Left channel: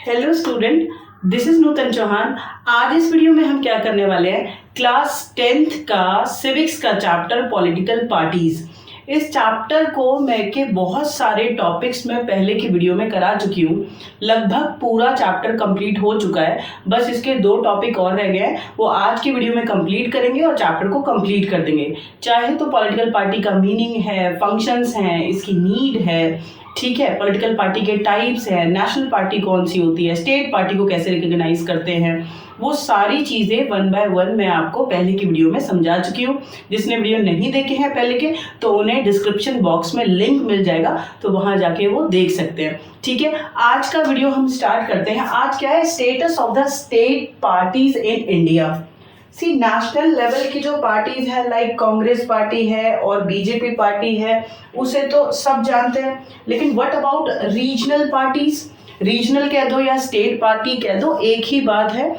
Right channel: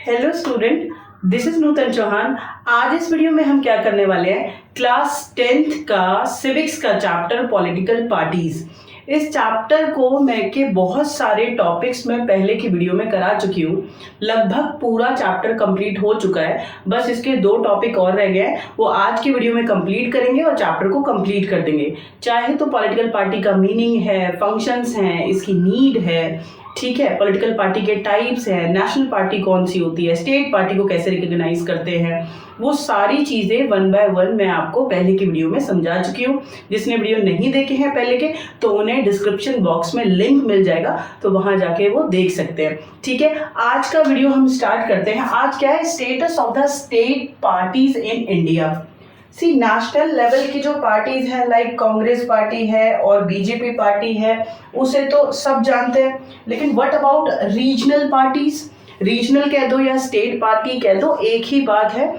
Hello student, this is नूतन चौहान। आज इस video में हम क्या करने वाले हैं, क्लास 10th का सिविक्स का चैप्टर पॉलिटिकल पार्टीज। इस चैप्टर को मैं के बहुत सारे टॉपिक्स में पहले की वीडियो में करा चुकी हूँ। लगभग पूरा चैप्टर कंप्लीट हो चुका है, बस इसके 2 टॉपिक और रह गए हैं, वो आज की वीडियो में कंप्लीट करेंगे और चैप्टर को कंप्लीट कर देंगे। चाहे तो पॉलिटिकल पार्टी का मीनिंग है, फंक्शंस हैं, इसकी नीड है, ठीक है, पॉलिटिकल पार्टी के टाइप्स हैं, नेशनल पार्टी कौन सी होती है, स्टेट पार्टी को कैसे रिकॉग्नाइज करते हैं, वो सारी चीज़ें 1 बाय 1 मैं आपको पहले की वीडियो में समझा चुकी हूँ। जिसने वीडियो नहीं देखे हैं पहले के, तो उन्हें डिस्क्रिप्शन बॉक्स में लिंक मिल जाएगा, तो वहाँ जाके वो देख सकते हैं। ठीक है, आज का वीडियो हम स्टार्ट करते हैं। आज क्या है, status of the state parties in India. See national level की जो पार्टीज हैं, लाइक कांग्रेस पार्टी है और बीजेपी पार्टी है, उसे तो सब जानते हैं। लेकिन what about regional parties? Regional कह दो या स्टेट पार्टी कह दो, एक ही बात है।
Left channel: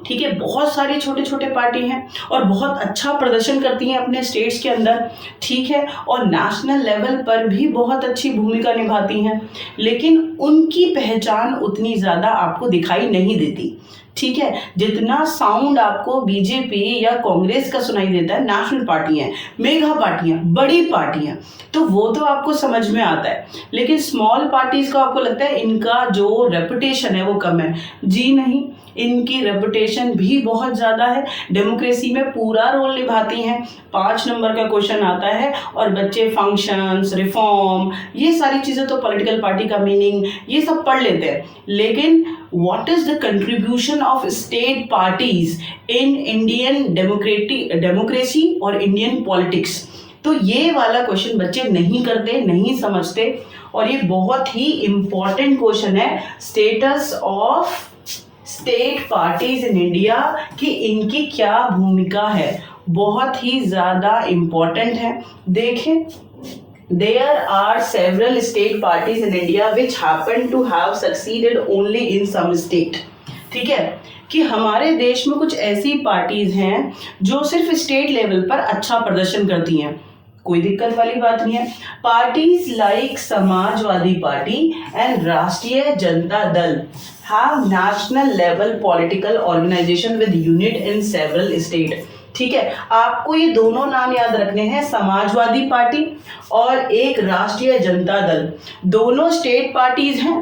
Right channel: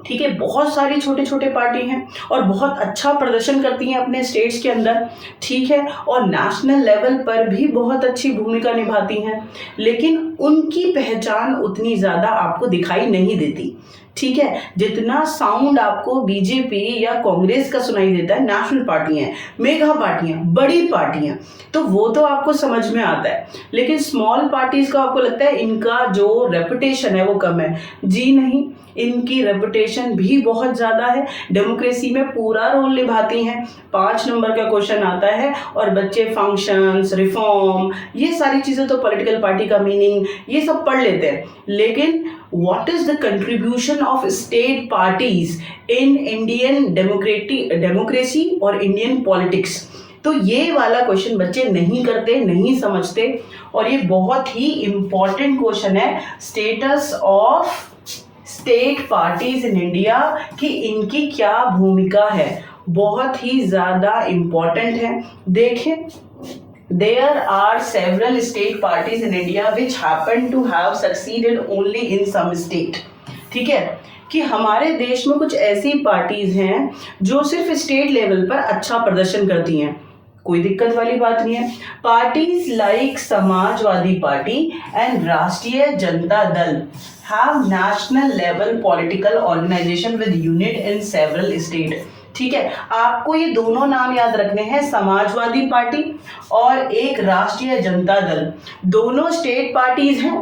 ठीक है, बहुत सारी छोटे छोटे पार्टी हैं और बहुत अच्छा प्रदर्शन करती हैं अपने स्टेट्स के अंदर। ठीक है, और नेशनल लेवल पर भी बहुत अच्छी भूमिका निभाती हैं, लेकिन उनकी पहचान उतनी ज़्यादा आपको दिखाई नहीं देती। ठीक है, जितना साउंड आपको बीजेपी या कांग्रेस का सुनाई देता है, नेशनल पार्टियां, मेगा पार्टियां, बड़ी पार्टियां, तो वो तो आपको समझ में आता है। लेकिन स्मॉल पार्टीज का आपको लगता है इनका जो रेपुटेशन है वो कम है। जी नहीं, इनकी रेपुटेशन भी बहुत ज़्यादा है, डेमोक्रेसी में पूरा रोल निभाती हैं। 5 नंबर का क्वेश्चन आता है और बच्चे फंक्शंस, रिफॉर्म, ये सारी चीज़ें तो पॉलिटिकल पार्टी का मीनिंग ये सब पढ़ लेते हैं। लेकिन what is the contribution of state parties in Indian democracy और इंडियन पॉलिटिक्स, तो ये वाला क्वेश्चन बच्चे नहीं करते, नहीं समझते, और ये बहुत ही इंपॉर्टेंट क्वेश्चन है। Status of state parties in India, कि इनकी क्या भूमिका है, बहुत ही ज़्यादा इंपॉर्टेंट है। देखें, there are several state parties in India which happen to have succeeded only in some state। ठीक है, कि हमारे देश में कुछ ऐसी पार्टीज हैं जो सिर्फ स्टेट लेवल पर अच्छा प्रदर्शन करती हैं, कोई दिक्कत वाली बात नहीं है। Parties like Samajwadi party and राष्ट्रीय Janata Dal have national level political organization with unit in several state। ठीक है, आपको ये दोनों नाम याद रखने हैं, समाजवादी पार्टी और एक राष्ट्रीय जनता दल। दोनों स्टेट पार्टीज हैं,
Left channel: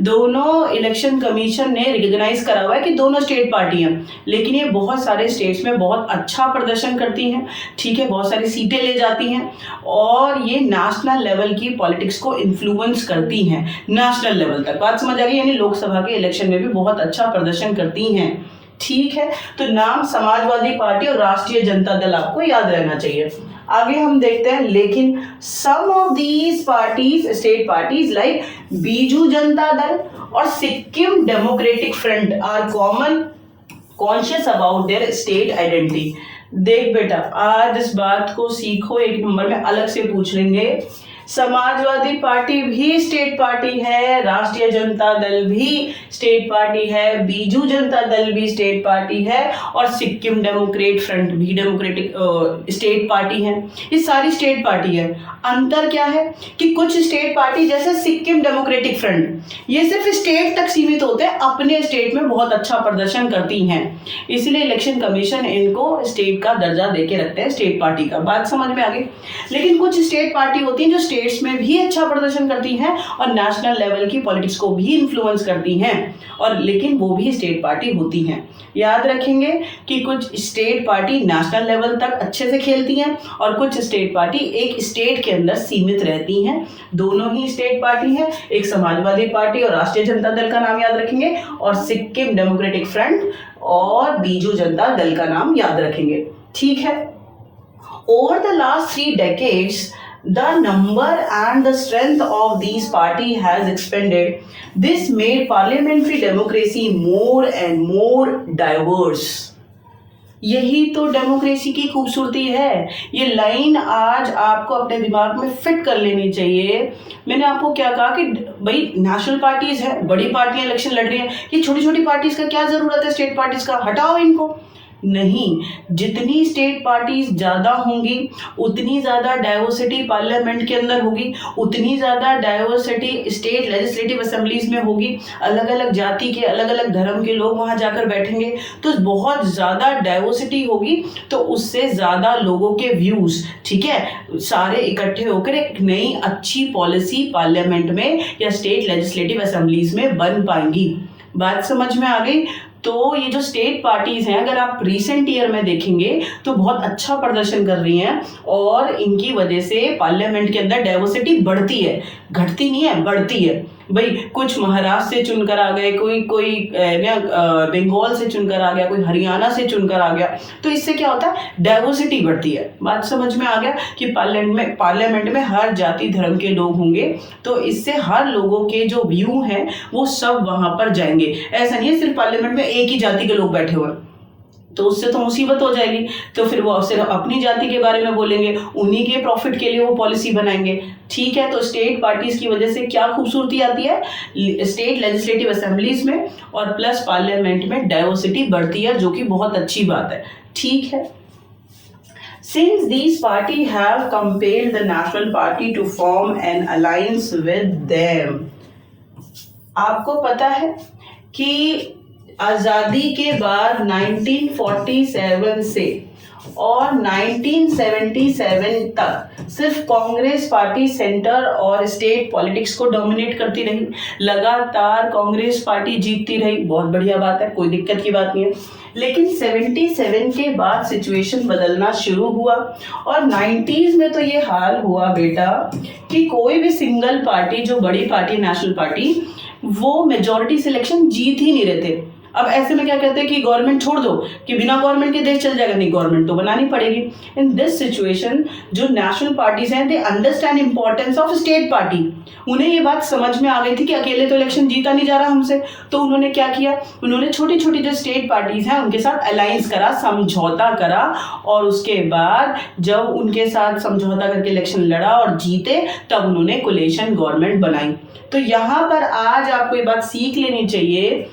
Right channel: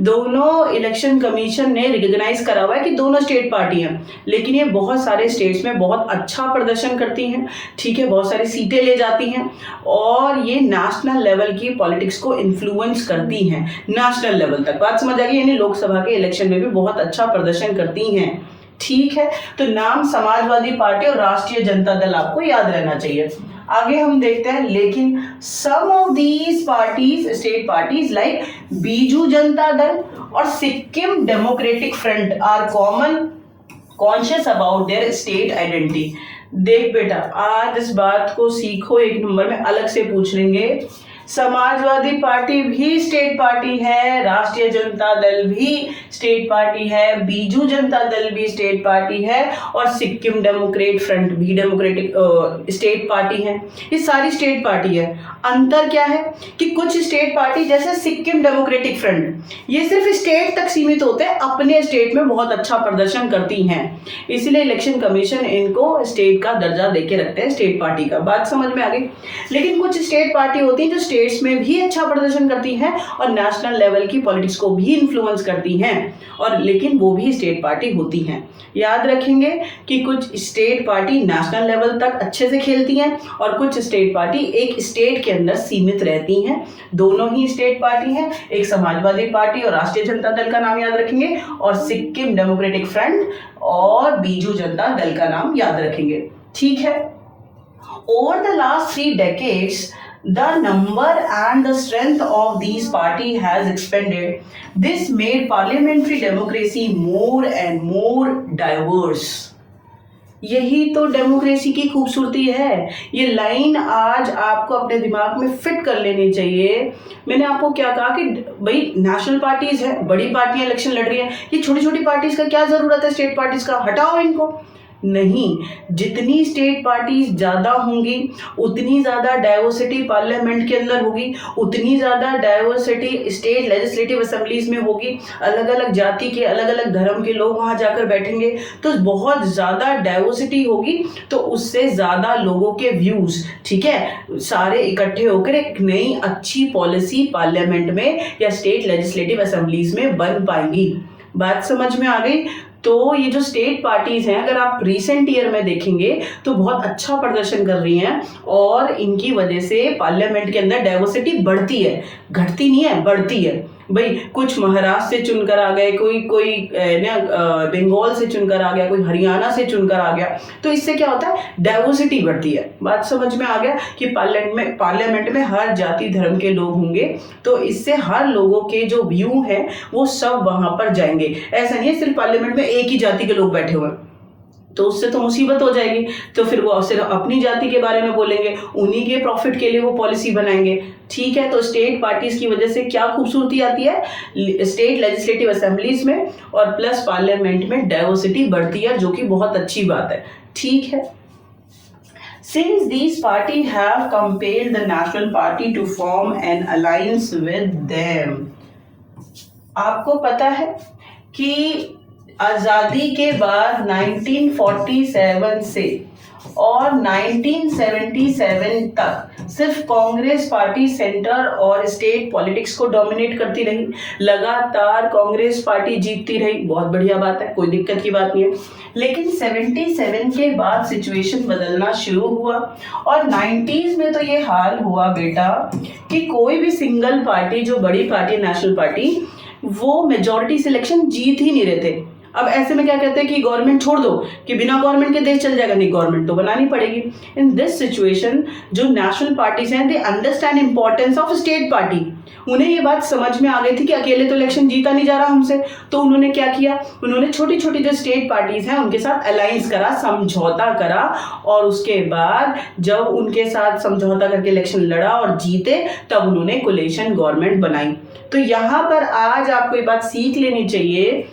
दोनों इलेक्शन कमीशन ने रिकॉग्नाइज करा हुआ है कि दोनों स्टेट पार्टी हैं, लेकिन ये बहुत सारे स्टेट्स में बहुत अच्छा प्रदर्शन करती हैं। ठीक है, बहुत सारी सीटें ले जाती हैं और ये नेशनल लेवल की पॉलिटिक्स को इन्फ्लुएंस करती हैं, नेशनल लेवल तक। बात समझ आ गई, यानी लोकसभा के इलेक्शन में भी बहुत अच्छा प्रदर्शन करती हैं। ठीक है, तो नाम समाजवादी पार्टी और राष्ट्रीय जनता दल आपको याद रहना चाहिए। आगे हम देखते हैं, लेकिन some of these parties, state parties like Biju Janata Dal और Sikkim Democratic Front are common conscious about their state identity. देख बेटा, आज इस बात को सीखो, 1 नंबर में अलग से पूछ लेंगे। समाजवादी पार्टी भी स्टेट पार्टी है, राष्ट्रीय जनता दल भी स्टेट पार्टी है, बीजू जनता दल भी स्टेट पार्टी है और सिक्किम डेमोक्रेट फ्रंट भी डेमोक्रेटिक स्टेट पार्टी है। ये सारी स्टेट पार्टी है। अंतर क्या है कि कुछ स्टेट पार्टी जैसे सिक्किम डेमोक्रेटिक फ्रंट, ये सिर्फ स्टेट तक सीमित होते हैं, अपने स्टेट में बहुत अच्छा प्रदर्शन करती हैं, इसलिए इलेक्शन कमीशन इनको स्टेट का दर्जा देके रखते हैं, स्टेट पार्टी का। बात समझ में आ गई। लेकिन कुछ स्टेट पार्टी होती हैं जो स्टेट्स में भी अच्छा प्रदर्शन करती हैं और नेशनल लेवल की पॉलिटिक्स को भी इन्फ्लुएंस करती हैं, और लेकिन वो भी स्टेट पार्टी होती हैं। याद रखेंगे कि कुछ स्टेट पार्टी नेशनल लेवल तक अच्छे से खेलती हैं और कुछ स्टेट पार्टी एक स्टेट के अंदर सीमित रहती हैं। दोनों ही स्टेट पार्टी हैं, एक समाजवादी पार्टी और राष्ट्रीय जनता दल का नाम याद रखेंगे, और सिक्किम डेमोक्रेटिक फ्रंट और बीजू जनता दल का नाम याद रखेंगे। ठीक है, over the last 3 decades the number and the strength of these party has expanded. This made parliamentary democracy more and more diverse। यही तो डेमोक्रेसी की खूबसूरती है। ये लाइन आज आपको अपने दिमाग में फिट कर लेनी चाहिए। मैंने आपको क्या कहा कि भाई नेशनल पार्टीज है, बड़ी पार्टियां इलेक्शन लड़ रही हैं, ये छोटी छोटी पार्टीज का क्या जरूरत है, स्टेट पार्टीज का हटाओ इनको। नहीं, जितनी स्टेट पार्टीज ज़्यादा होंगी उतनी ज़्यादा डाइवर्सिटी पार्लियामेंट के अंदर होगी, उतनी ज़्यादा डाइवर्सिटी स्टेट लेजिस्लेटिव असेंबलीज में होगी। अलग अलग जाति के, अलग अलग धर्म के लोग वहाँ जाकर बैठेंगे, तो बहुत ज़्यादा डाइवर्सिटी होगी, तो उससे ज़्यादा लोगों के व्यूज़, ठीक है, सारे इकट्ठे होकर एक नई अच्छी पॉलिसी पार्लियामेंट में या स्टेट लेजिस्लेटिव असेंबलीज में बन पाएंगी। बात समझ में आ गई? तो ये जो स्टेट पार्टीज हैं, अगर आप रिसेंट ईयर में देखेंगे तो बहुत अच्छा प्रदर्शन कर रही हैं और इनकी वजह से पार्लियामेंट के अंदर डाइवर्सिटी बढ़ती है, घटती नहीं है, बढ़ती है। भाई कुछ महाराष्ट्र से चुनकर आ गए, कोई बंगाल से चुनकर आ गया, कोई हरियाणा से चुनकर आ गया, तो इससे क्या होता है, डाइवर्सिटी बढ़ती है। बात समझ में आ गया कि पार्लियामेंट में हर जाति धर्म के लोग होंगे, तो इससे हर लोगों के जो व्यू हैं वो सब वहां पर जाएंगे। ऐसा नहीं है सिर्फ पार्लियामेंट में एक ही जाति के लोग बैठे हुए हैं, तो उससे तो मुसीबत हो जाएगी। तो फिर वो सिर्फ अपनी जाति के बारे में बोलेंगे, उन्हीं के प्रॉफिट के लिए वो पॉलिसी बनाएंगे, ठीक है। तो स्टेट पार्टीज की वजह से क्या खूबसूरती आती है, स्टेट लेजिस्लेटिव असेंबलीज में और प्लस पार्लियामेंट में डाइवर्सिटी बढ़ती है, जो कि बहुत अच्छी बात है, ठीक है। Since these parties have compelled the national party to form an alliance with them, आपको पता है कि आज़ादी के बाद 1947 से और 1977 तक सिर्फ कांग्रेस पार्टी सेंटर और स्टेट पॉलिटिक्स को डोमिनेट करती रही, लगातार कांग्रेस पार्टी जीतती रही, बहुत बढ़िया बात है, कोई दिक्कत की बात नहीं है। लेकिन 77 के बाद सिचुएशन बदलना शुरू हुआ और 90s में तो ये हाल हुआ बेटा कि कोई भी सिंगल पार्टी, जो बड़ी पार्टी नेशनल पार्टी, वो मेजॉरिटी सिलेक्शन जीत ही नहीं रहे थे। अब ऐसे में क्या कहते हैं कि गवर्नमेंट छोड़ दो, कि बिना गवर्नमेंट के देश चल जाएगा, नहीं, गवर्नमेंट तो बनानी पड़ेगी। इन दिस सिचुएशन जो नेशनल पार्टीज हैं, they understand importance of state party. उन्हें ये बात समझ में आ गई थी कि अकेले तो इलेक्शन जीता नहीं जा रहा हमसे, तो उन्होंने क्या किया, उन्होंने छोटी छोटी जो स्टेट पार्टीज हैं उनके साथ अलायंस करा, समझौता करा, और उसके बाद जब उनके साथ समझौता करके इलेक्शन लड़ा और जीते, तब उन्होंने कोलिशन गवर्नमेंट बनाई। तो यहाँ पर आज आपको ये बात सीख लेनी चाहिए,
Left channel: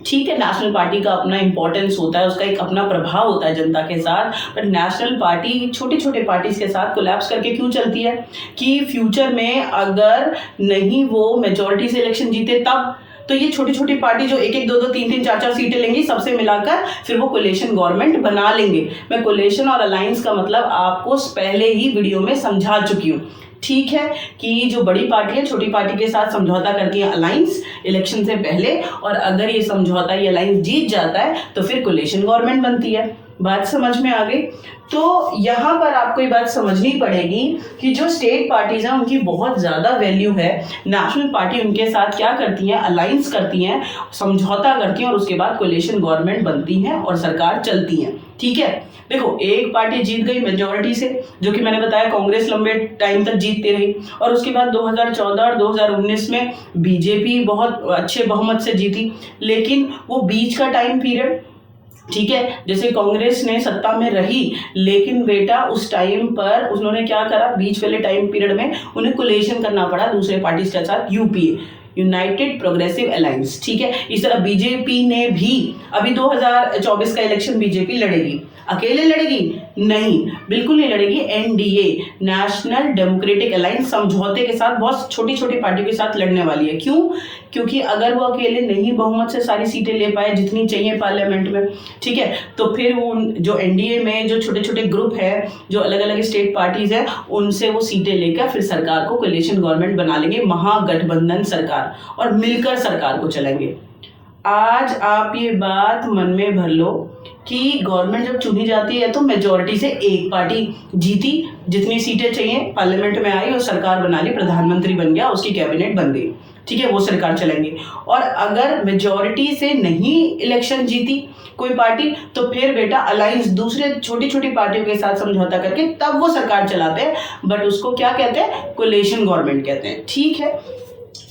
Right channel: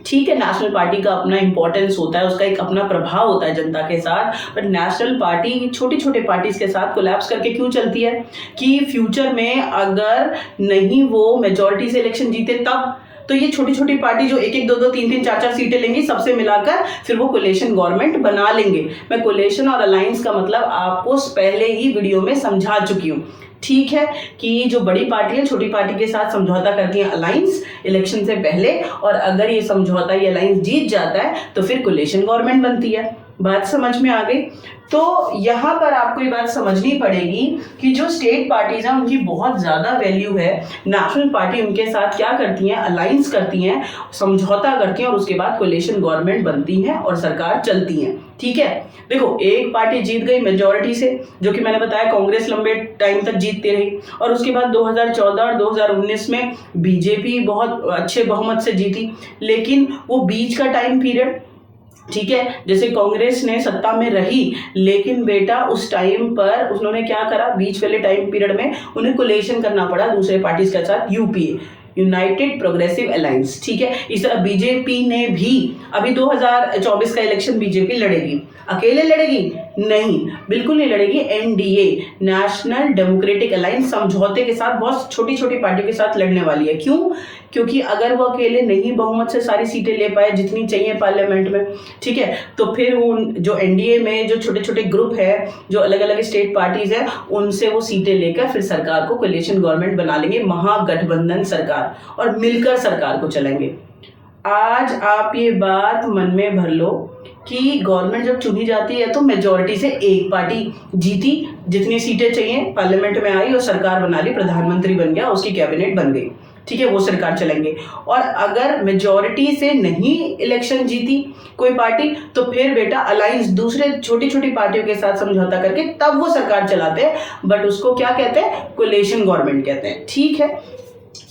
ठीक है, नेशनल पार्टी का अपना इंपॉर्टेंस होता है, उसका एक अपना प्रभाव होता है जनता के साथ, बट नेशनल पार्टी छोटे छोटे पार्टीज के साथ कोलैप्स करके क्यों चलती है कि फ्यूचर में अगर नहीं वो मेजॉरिटी से इलेक्शन जीते तब, तो ये छोटी छोटी पार्टी जो एक एक दो दो तीन तीन चार चार सीटें लेंगी, सबसे मिलाकर फिर वो कोलिशन गवर्नमेंट बना लेंगे। मैं कोलिशन और अलायंस का मतलब आपको पहले ही वीडियो में समझा चुकी हूँ, ठीक है, कि जो बड़ी पार्टी है छोटी पार्टी के साथ समझौता करती है अलायंस इलेक्शन से पहले, और अगर ये समझौता, ये अलायंस जीत जाता है तो फिर कोलिशन गवर्नमेंट बनती है। बात समझ में आ गई? तो यहाँ पर आपको ये बात समझनी पड़ेगी कि जो स्टेट पार्टीज हैं उनकी बहुत ज़्यादा वैल्यू है। नेशनल पार्टी उनके साथ क्या करती हैं, अलायंस करती हैं, समझौता करती हैं, और उसके बाद कोलिशन गवर्नमेंट बनती है और सरकार चलती है, ठीक है। देखो, एक पार्टी जीत गई मेजॉरिटी से, जो कि मैंने बताया कांग्रेस लंबे टाइम तक जीतती रही, और उसके बाद 2014 और 2019 में बीजेपी बहुत अच्छे बहुमत से जीती, लेकिन वो बीच का टाइम पीरियड, ठीक है, जैसे कांग्रेस ने सत्ता में रही, लेकिन बेटा उस टाइम पर उन्होंने क्या करा, बीच वाले टाइम पीरियड में उन्हें कोलिशन करना पड़ा दूसरे पार्टीज के साथ, यूपीए, यूनाइटेड प्रोग्रेसिव अलायंस, ठीक है। इस तरह बीजेपी ने भी, अभी 2024 का इलेक्शन बीजेपी लड़ेगी, अकेले लड़ेगी नहीं, बिल्कुल नहीं लड़ेगी, एनडीए, नेशनल डेमोक्रेटिक अलायंस, समझौते के साथ बहुत छोटी छोटी पार्टियों के साथ लड़ने वाली है। क्यों? क्योंकि अगर वो अकेले नहीं बहुमत से सारी सीटें ले पाए जितनी चाहिए पार्लियामेंट में, ठीक है, तो फिर वो जो एनडीए में जो छोटे छोटे ग्रुप है, जो अलग अलग स्टेट पार्टीज हैं, उनसे वो सीटें लेकर फिर सरकार को कोलिशन गवर्नमेंट बना लेंगे, महागठबंधन सरकार, और मिलकर सरकार को चलाएंगे। आज आप ये बात मन में भर लो कि गवर्नमेंट जब चुनी जाती है तो मेजॉरिटी से एक पार्टी जीती, जितनी सीटें चाहिए पार्लियामेंट में आई और सरकार बना ली, प्रधानमंत्री बन गया, उसकी कैबिनेट बन गई, ठीक है, वो सरकार चलेंगे। और अगर मेजॉरिटी से नहीं इलेक्शन जीती कोई पार्टी, तो फिर बेटा अलायंस दूसरे छोटी छोटी पार्टियों के साथ समझौता करके तब वो सरकार चलाते हैं, बट उसको क्या कहते हैं, कोलिशन गवर्नमेंट कहते हैं, ठीक है।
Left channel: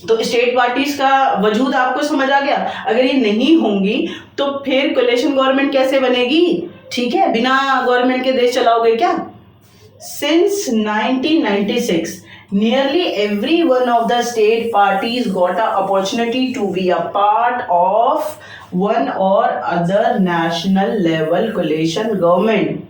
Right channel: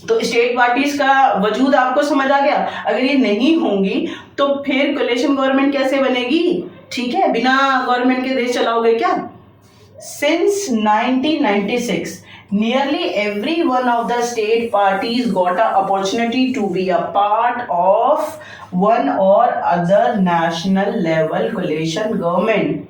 तो स्टेट पार्टीज का वजूद आपको समझ आ गया। अगर ये नहीं होंगी तो फिर कोलिशन गवर्नमेंट कैसे बनेगी, ठीक है, बिना गवर्नमेंट के देश चलाओगे क्या? Since 1996 nearly every one of the state parties got an opportunity to be a part of one or other national level coalition government.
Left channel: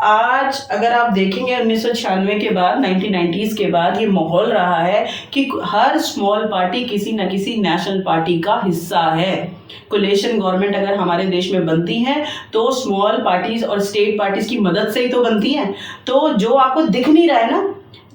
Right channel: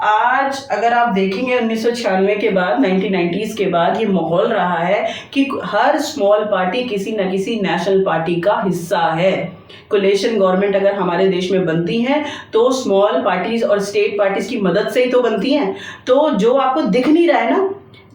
आज अगर आप देखेंगे 1996 के बाद 1990s के बाद ये माहौल रहा है कि हर स्मॉल पार्टी किसी न किसी नेशनल पार्टी का हिस्सा है। कोलेशन गवर्नमेंट अगर हमारे देश में बनती हैं तो स्मॉल पार्टीज और स्टेट पार्टीज की मदद से ही तो बनती हैं। तो जो आपको दिख नहीं रहा है ना,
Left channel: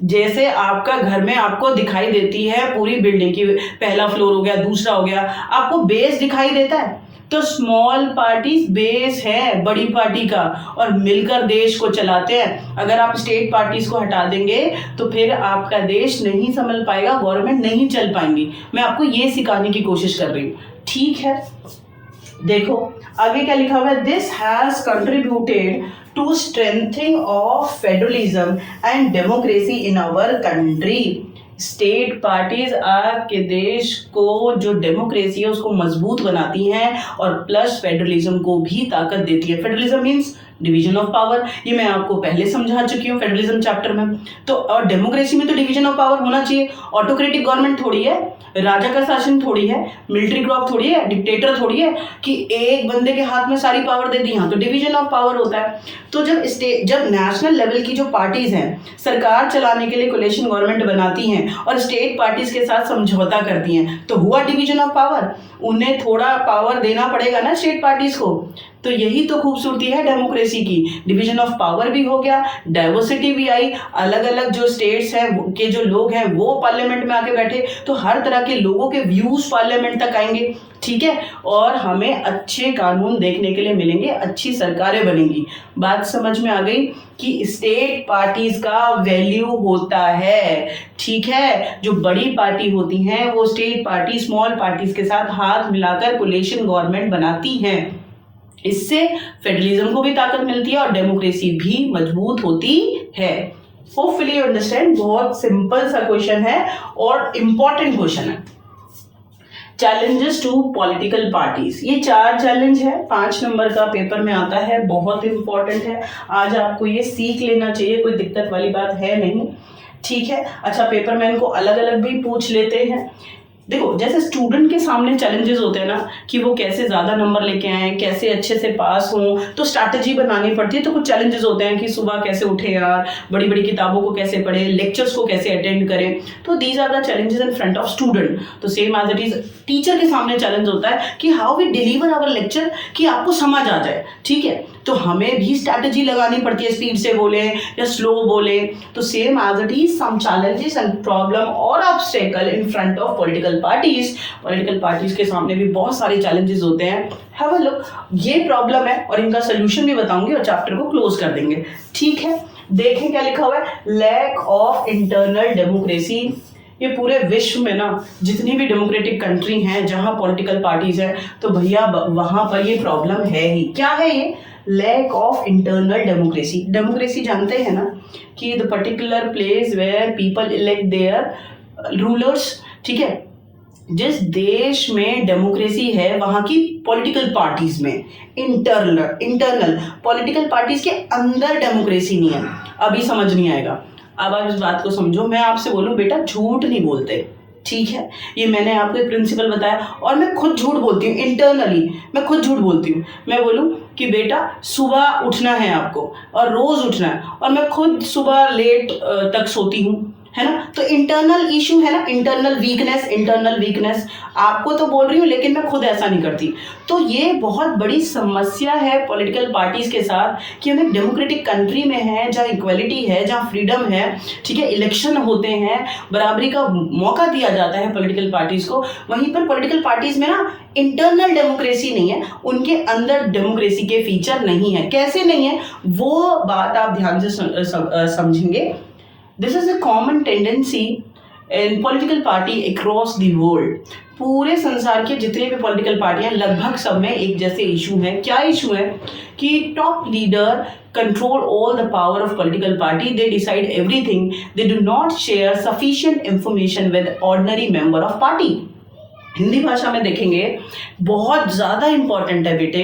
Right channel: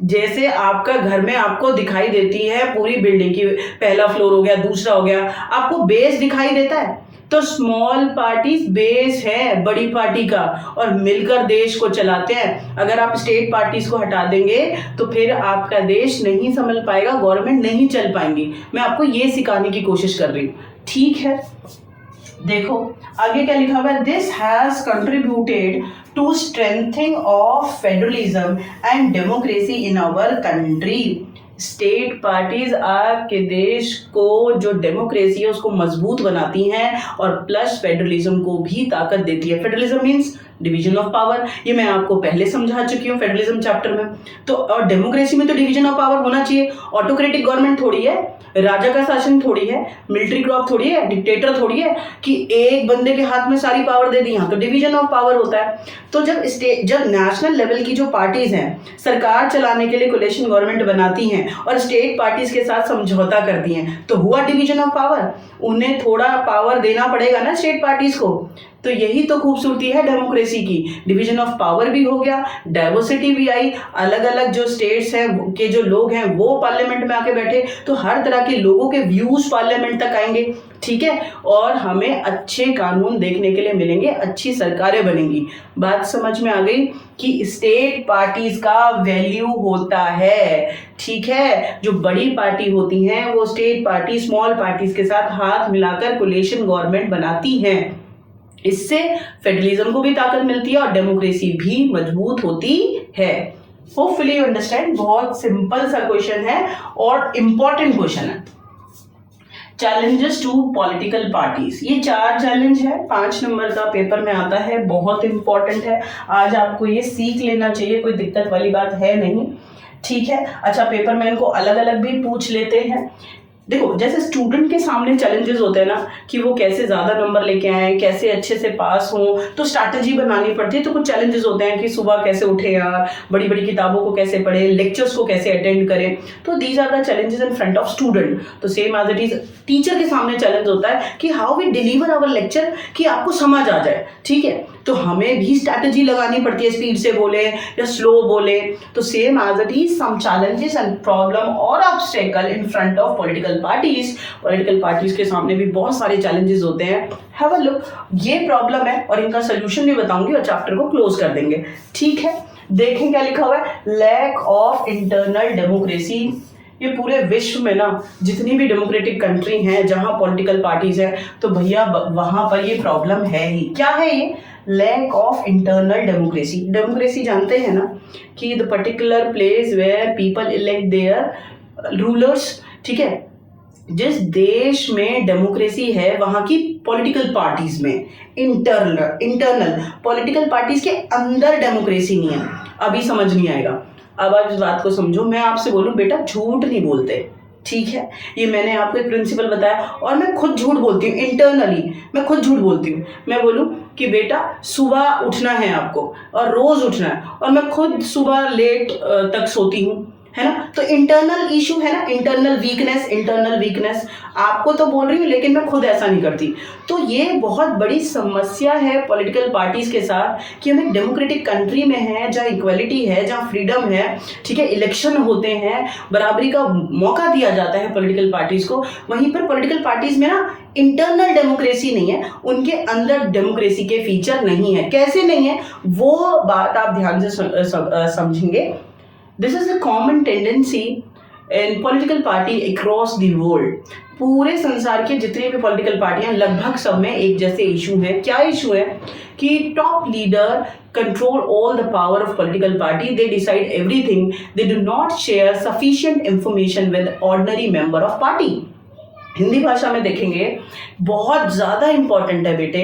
जैसे आपका घर में आपको दिखाई देती है पूरी बिल्डिंग की, पहला फ्लोर हो गया, दूसरा हो गया, आपको बेस दिखाई देता है, तो स्मॉल पार्टीज बेस है बड़ी पार्टी का और मिलकर देश को चलाते हैं। अगर आप स्टेट पार्टीज को हटा देंगे तो फिर आपका देश नहीं संभल पाएगा, गवर्नमेंट नहीं चल पाएंगी। मैं आपको ये सिखाने की कोशिश कर रही हूँ, ठीक है। देखो आगे क्या लिखा हुआ है, this has contributed to strengthening of federalism and democracy in our country. State parties आपके देश को जो डेमोक्रेसी है उसको मजबूत बनाती हैं और प्लस फेडरलिज्म को भी ताकत देती है। Federalism means division of power, ये मैं आपको पहले समझा चुकी हूँ फेडरलिज्म चैप्टर में। तो और डेमोक्रेसी में तो डिवीजन ऑफ पावर होना चाहिए। ऑटोक्रेटिक गवर्नमेंट थोड़ी है, राजा का शासन थोड़ी है, मिलिट्री क्रॉप थोड़ी है, डिक्टेटर थोड़ी है कि एक बंदे के हाथ में सारी पावर दे दी। यहाँ तो डिवीजन ऑफ पावर होता है। तो जब नेशनल लेवल की जो पार्टीज हैं सरकार चलाने के लिए कोलिशन गवर्नमेंट बनाती हैं और स्टेट पार्टीज के साथ समझौता करती हैं, तो हुआ डिवीजन ऑफ पावर। उन्हें थोड़ा पावर देना पड़ेगा ना स्टेट पार्टीज को। तो यही तो खूबसूरती है डेमोक्रेसी की, डिवीजन ऑफ पावर भी हो गया, डाइवर्सिटी भी आई, अलग अलग जो स्टेट्स हैं के जो लोग हैं वो पार्लियामेंट में आके बैठे, तो हर तरह के लोगों के व्यूज पार्लियामेंट तक आएंगे, ठीक है। और हमें अच्छे कानून देखने के लिए मिलेंगे, अच्छी सरकारें बनेंगी। बात समझ में आ गई कि स्टेट पार्टीज का वैल्यू होता है, ठीक है। जो बड़ी पार्टी होती हैं वो स्टेट पार्टी स्मॉल पार्टीज के साथ हाथ मिलाकर कोलिशन गवर्नमेंट बनाती हैं। इससे फेडरलिज्म को भी ताकत मिलती है और डेमोक्रेसी भी मजबूत होती है। Hopefully you understand. बहुत सिंपल सा क्वेश्चन है और इंपॉर्टेंट क्वेश्चन है। चैलेंजेस टू पॉलिटिकल पार्टीज, ये 4 चैलेंज है, 5 नंबर का पेपर में आता है, बहुत इंपॉर्टेंट है। आज आपको ये सीख लेना चाहिए, कोई दिक्कत वाली बात है नहीं, ठीक है। अच्छा, पेपर में इनको अलग अलग भी पूछ लेते हैं। देखो जैसे स्टूडेंट के सामने चैलेंजेस होते हैं ना कि वो कैसे ज़्यादा नंबर लेके आए, कैसे अच्छे से पास हों, तो स्ट्रैटेजी बनानी पड़ती है। तो कुछ चैलेंजेस होते हैं कि सुबह कैसे उठे यार, बड़ी बड़ी किताबों को कैसे पढ़ें, लेक्चर्स को कैसे अटेंड करें। तो these are the challenges in front of student. तो same as it is teacher के सामने चैलेंज होता है कि how we deliver our lecture, कि आपको समझ आ जाए, ठीक है। तो हमें भी स्ट्रैटेजी लगानी पड़ती है, स्पीड से बोले या स्लो बोले। तो same as it is some challenges and problem और obstacle in front of political parties. Political parties के सामने भी बहुत सारे चैलेंजेस होते हैं। हैव अ लुक, ये प्रॉब्लम है और इनका सोल्यूशन भी बताऊंगी और चैप्टर को क्लोज कर देंगे, ठीक है। देखें क्या लिखा हुआ है, लैक ऑफ इंटरनल डेमोक्रेसी। ये पूरे विश्व में ना जितनी भी डेमोक्रेटिक कंट्री हैं जहां पॉलिटिकल पार्टीज हैं, तो भैया वहां पर ये प्रॉब्लम है ही। क्या है ये? Lack of internal democracy. Democracy जानते हैं ना कि the particular place where people elect their rulers, ठीक है। जिस देश में डेमोक्रेसी है वहाँ की पॉलिटिकल पार्टीज में इंटरनल पॉलिटिकल पार्टीज के अंदर डेमोक्रेसी नहीं है। अभी समझ नहीं आएगा, अब आप इस बात को समझो। मैं आपसे बोलूँ बेटा झूठ नहीं बोलते, ठीक है। ये मैंने आपको एक प्रिंसिपल बताया और मैं खुद झूठ बोलती हूँ, इंटरनली मैं खुद झूठ बोलती हूँ। मैं बोलूँ कि बेटा सुबह उठना है आपको और रोज़ उठना है, और मैं खुद सुबह लेट तक सोती हूँ, है ना। तो इंटरनल इशू है ना, इंटरनल वीकनेस। आपको तो बोल रही हूँ लेकिन मैं खुद ऐसा नहीं करती। तो ये बहुत बड़ी समस्या है पॉलिटिकल पार्टीज के साथ कि हम एक डेमोक्रेटिक कंट्री में हैं जहाँ इक्वलिटी है, जहाँ फ्रीडम है, ठीक है, इलेक्शन होते हैं, बराबरी का मौका दिया जाता है पॉलिटिकल पार्टीज को। वहीं पर पॉलिटिकल पार्टीज में ना इंटरनल डेमोक्रेसी नहीं है, उनके अंदर डेमोक्रेसी के फीचर नहीं है। कैसे नहीं है वो बात आप ध्यान से समझेंगे। This is a common tendency in political party across the world. पूरे संसार के जितने भी पॉलिटिकल पार्टियां लगभग सब में एक जैसे इशू है। क्या इशू है कि top leader control all the power of political party, they decide everything, they do not share sufficient information with ordinary member of party. Hindi भाषा में देखेंगे बहुत ज़्यादा इम्पॉर्टेंट है बेटे।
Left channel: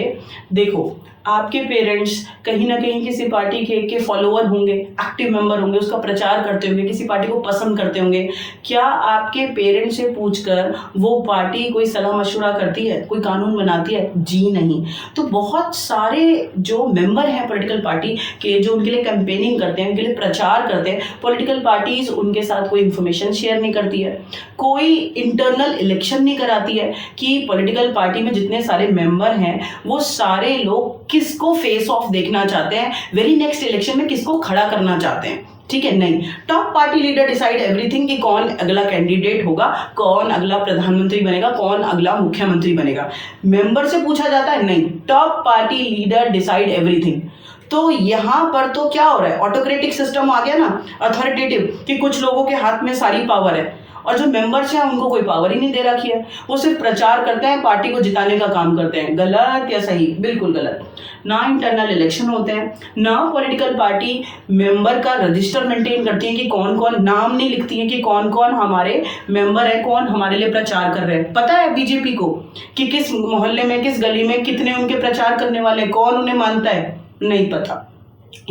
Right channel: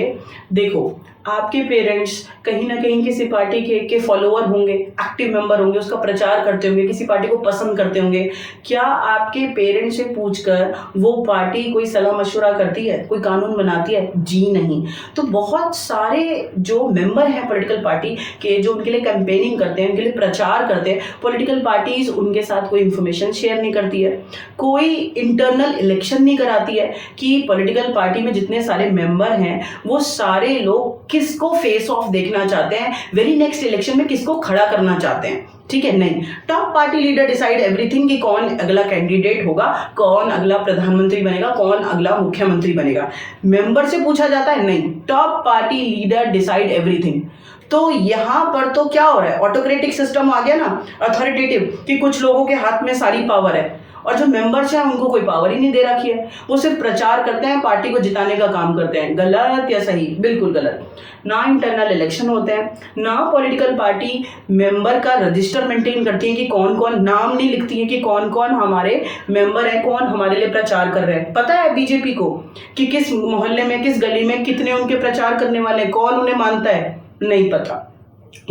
देखो आपके पेरेंट्स कहीं ना कहीं किसी पार्टी के फॉलोअर होंगे, एक्टिव मेंबर होंगे, उसका प्रचार करते होंगे, किसी पार्टी को पसंद करते होंगे। क्या आपके पेरेंट्स से पूछकर वो पार्टी कोई सलाह मशवरा करती है, कोई कानून बनाती है? जी नहीं। तो बहुत सारे जो मेंबर हैं पॉलिटिकल पार्टी के, जो उनके लिए कैंपेनिंग करते हैं, उनके लिए प्रचार करते हैं, पॉलिटिकल पार्टीज उनके साथ कोई इन्फॉर्मेशन शेयर नहीं करती है, कोई इंटरनल इलेक्शन नहीं कराती है कि पॉलिटिकल पार्टी में जितने सारे मेंबर हैं वो सारे लोग किसको फेस ऑफ देखना चाहते हैं, वेरी नेक्स्ट इलेक्शन में किसको खड़ा करना चाहते हैं। ठीक है, नहीं, top party leader decide everything कि कौन अगला कैंडिडेट होगा, कौन अगला प्रधानमंत्री बनेगा, कौन अगला मुख्यमंत्री बनेगा। मेंबर से पूछा जाता है? नहीं, top party leader decide everything. तो यहाँ पर तो क्या हो रहा है, ऑटोक्रेटिक सिस्टम आ गया ना, अथॉरिटेटिव, कि कुछ लोगों के हाथ में सारी पावर है और जो मेंबर्स हैं उनको कोई पावर ही नहीं दे रखी है, वो सिर्फ प्रचार करते हैं, पार्टी को जिताने का काम करते हैं। गलत या सही? बिल्कुल गलत। ना इंटरनल इलेक्शन होते हैं, ना पॉलिटिकल पार्टी मेंबर का रजिस्टर मेंटेन करती है कि कौन कौन, नाम नहीं लिखती है कि कौन कौन हमारे मेंबर हैं, कौन हमारे लिए प्रचार कर रहे हैं। पता है बीजेपी को कि किस मोहल्ले में, किस गली में कितने उनके प्रचार करने वाले हैं, कौन उन्हें मानता है? नहीं पता।